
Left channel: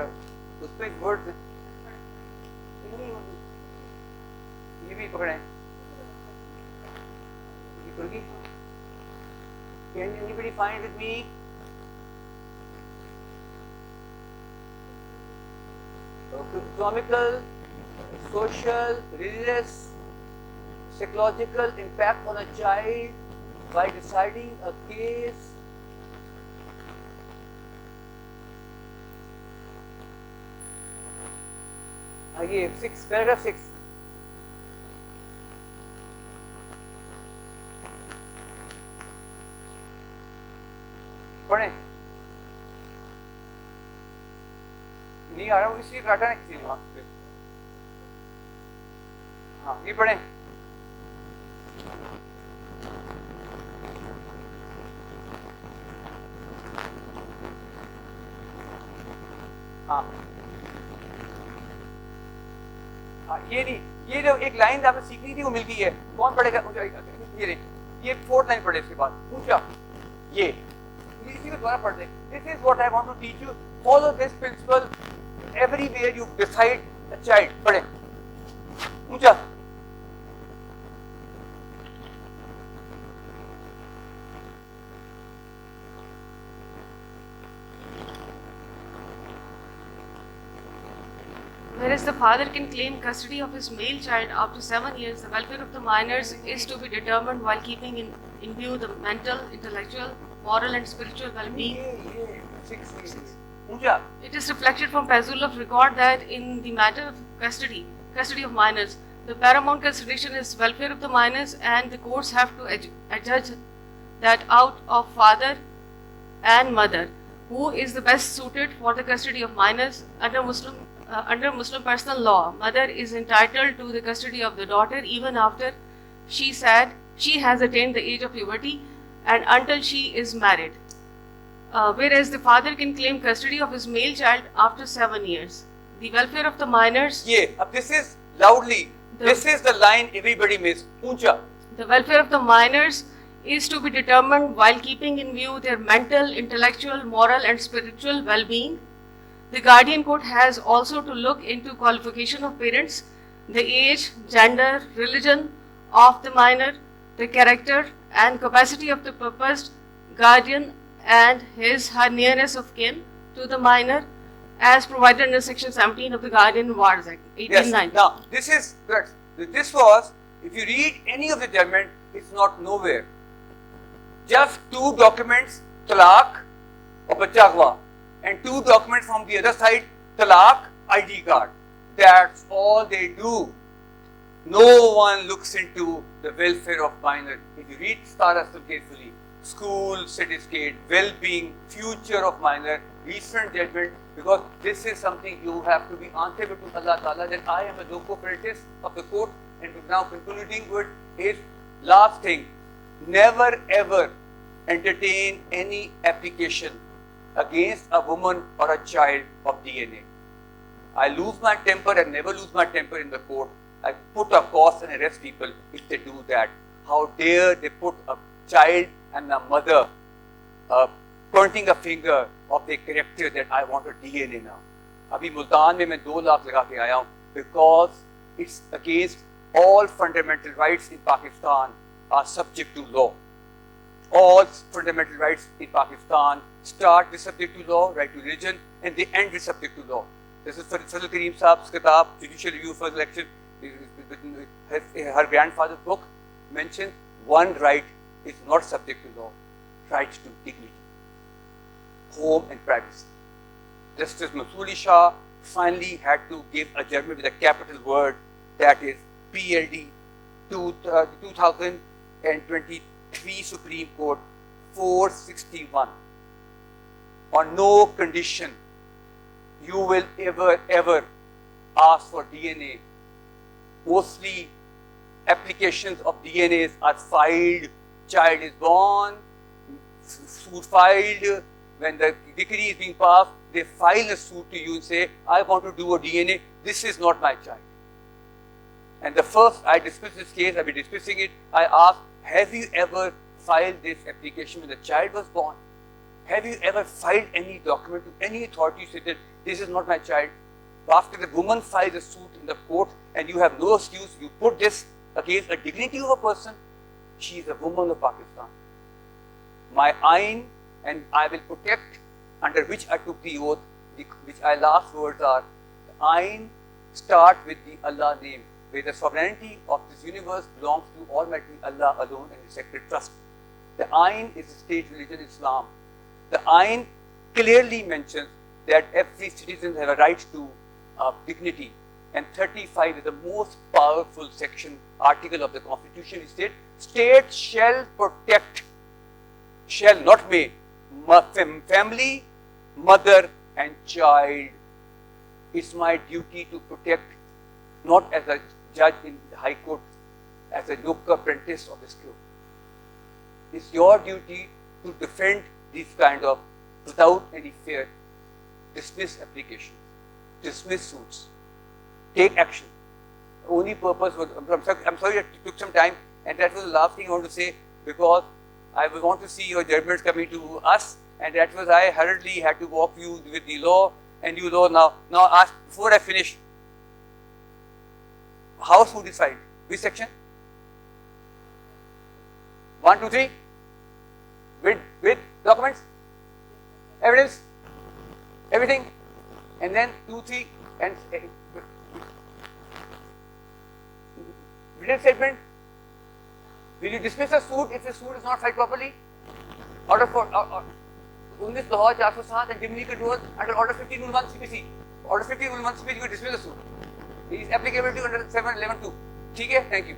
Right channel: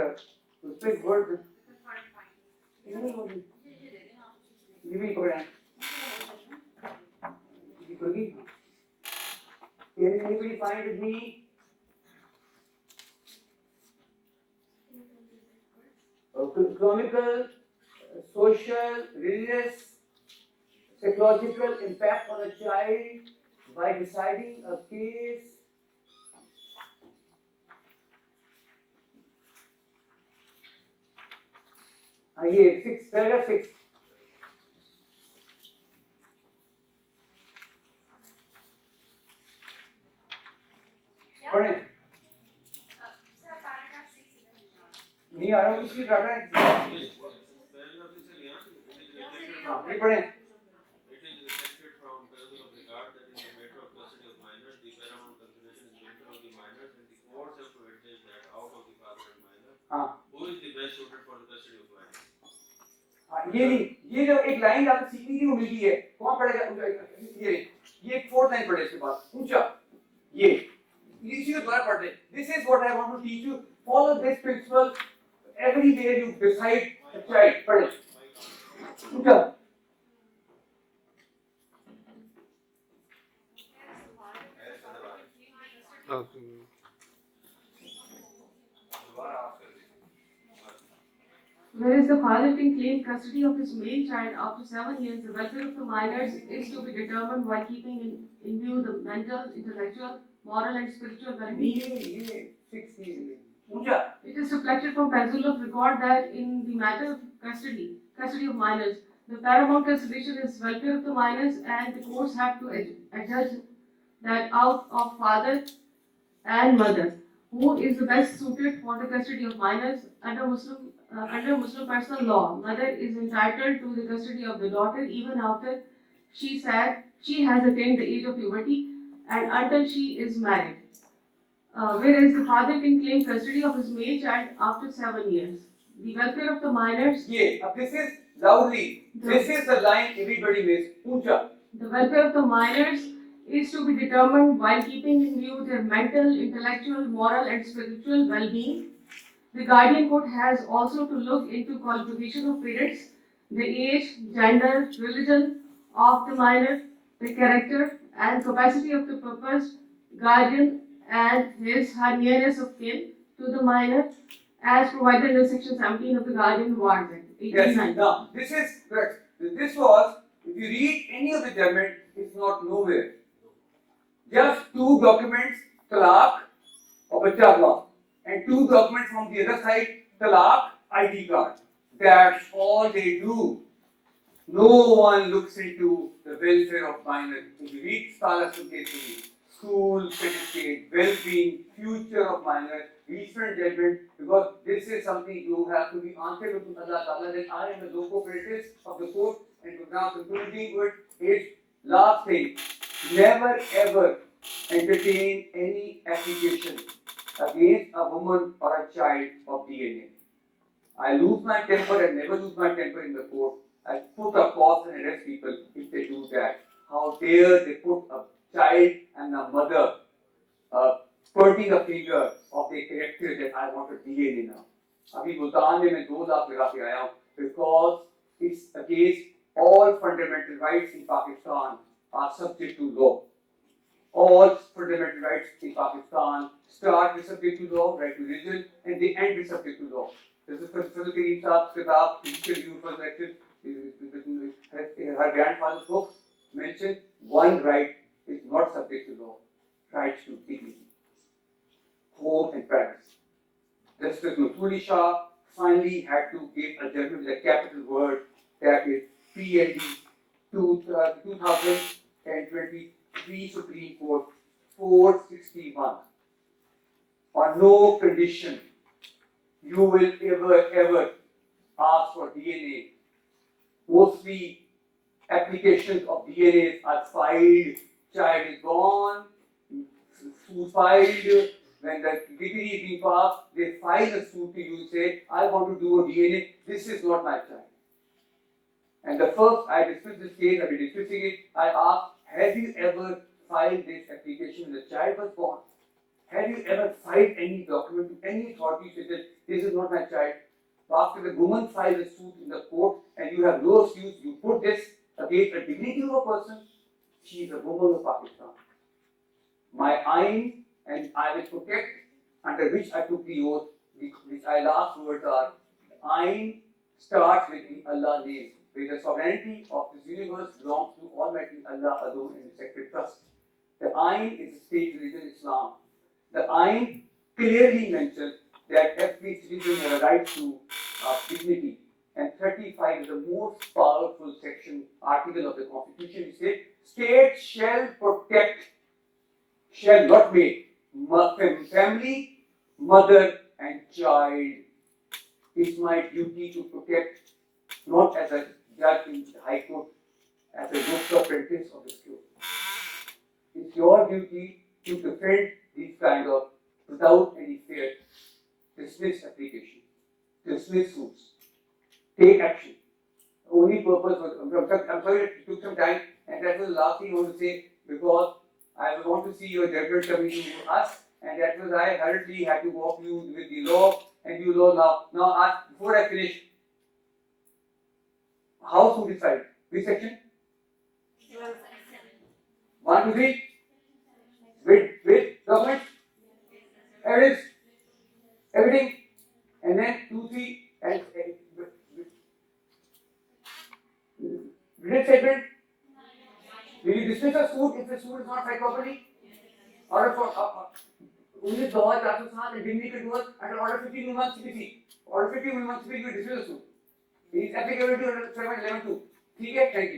उस पर वर्ड ये भी पकड़े Can anybody find with me? Economical, social, religious, psychological impact on a child by deciding a case. Again, paragraph 6. पढ़ें नहीं आ रहा हूँ इसलिए काटा है हाँ ये पढ़ें हाँ ये नहीं ये जो एक लाइन आपने सीखनी थी वो मिलती है कौन पढ़ेगा ये फोर्थ लाइन पढ़े इसके बाद पूछा ये This is what I want to teach you. Follow this principle everywhere you decide a child. पढ़े पूछा Whereas the father can claim custody of his male child after 7 years, the welfare of the minors is to be determined while keeping in view the mental, intellectual, moral and spiritual well-being. It is reflected from Pazul of record that in the matter of custody of minors, the paramount consideration is welfare of the minors, and the courts have to adjudge that out of father and mother, who is the best suited for the custody of minors under Muslim personal law. Mother is entitled to the custody of the daughter even after she has attained the age of puberty and until she is married. Whereas the father can claim custody of his male child after 7 years. The welfare of the minors. This is loudly. This is the line everybody missed. Uncha. The welfare of the minors is to be determined while keeping in view their mental, intellectual, moral, and spiritual well-being. The guardian court has also to look into qualification of parents, the age, gender, religion of the minor, the character and capacity of the proposed guardian, and her nearness of kin to the minor, as provided under Section 17 of the Guardian Wards Act, 1890. Yes. Now, this was, if you read any of the judgment, it's not nowhere. Just 2 documents, talaq or bachcha hua, and 2 documents from the other side, talaq, ID card. That's all they do. No one looks into the welfare of minor. If you read Scholars carefully, school, certificate, well-being, future of minor, recent judgment, because this is something you have to be answerable to Allah Ta'ala, that I am a loco parentis of the court, and now concluding with is last thing, never ever entertain any application against a woman or a child of DNA. I lose my temper and never lose my temper in the court. I put a cause and arrest people if they do that. How dare they put a child and a mother pointing a finger of the character that I want a DNA now. Abhi Multan mein main 2 lakh laga ke aaya hu because it's against all fundamental rights in Pakistan are subject to law. All fundamental rights in Pakistan start with subject to law, right to religion, and they end with subject to law. This is Fazl Kareem Saab's kitab, Judicial Review for Election. Her grandfather's book mentioned one right is not subject to law, right to dignity. home and privacy. Justice Masuli Shah finally had to give a judgment with a capital word, that is PLD 2023 Supreme Court 461. On no condition you will ever ask for DNA. Mostly applications of DNAs are filed, child is born, suit filed, when the decree is being passed, they file a suit to you and say, I want to do a DNA, this is not my child. And the first I dismissed this case, I've been dismissing it, I asked, have you ever filed this application when the child was born? Have you ever filed any document to any authority said that this is not my child? After the woman files a suit in the court and you have no excuse, you put this against the dignity of a person, she is a woman of Pakistan. My ayn and I will protect, under which I took the oath, which I last words are, ayn start with the Allah name, where the sovereignty of this universe belongs to Almighty Allah alone and the sacred trust. The ayn is the state religion Islam. The ayn clearly mentions that every citizen has a right to dignity, and 35 is the most powerful section, article of the Constitution. It states, state shall protect, shall not make, family, mother and child. It's my duty to protect, not as a judge in High Court, as a yoke apprentice of this court. It's your duty to defend these kind of, without any fear, dismiss applications, dismiss suits, take action. The only purpose was, I'm sorry it took some time, and that was the last thing I want to say, because I want to see your judgment coming to us, and that was I hurriedly had to walk you with the law, and you know now. Now ask, before I finish, how should decide? Which section? 1, 2, 3? With documents? Evidence? Everything? And then 2, 3 and written statement. Will you dismiss a suit if the suit is not filed properly? Order for Lahore, Jawad Hassan and Dismissal controls under Order 15/1 CPC. Order 15/1 CPC will dismiss the suit. It is applicable to under 711(2). ठीक है? Thank you.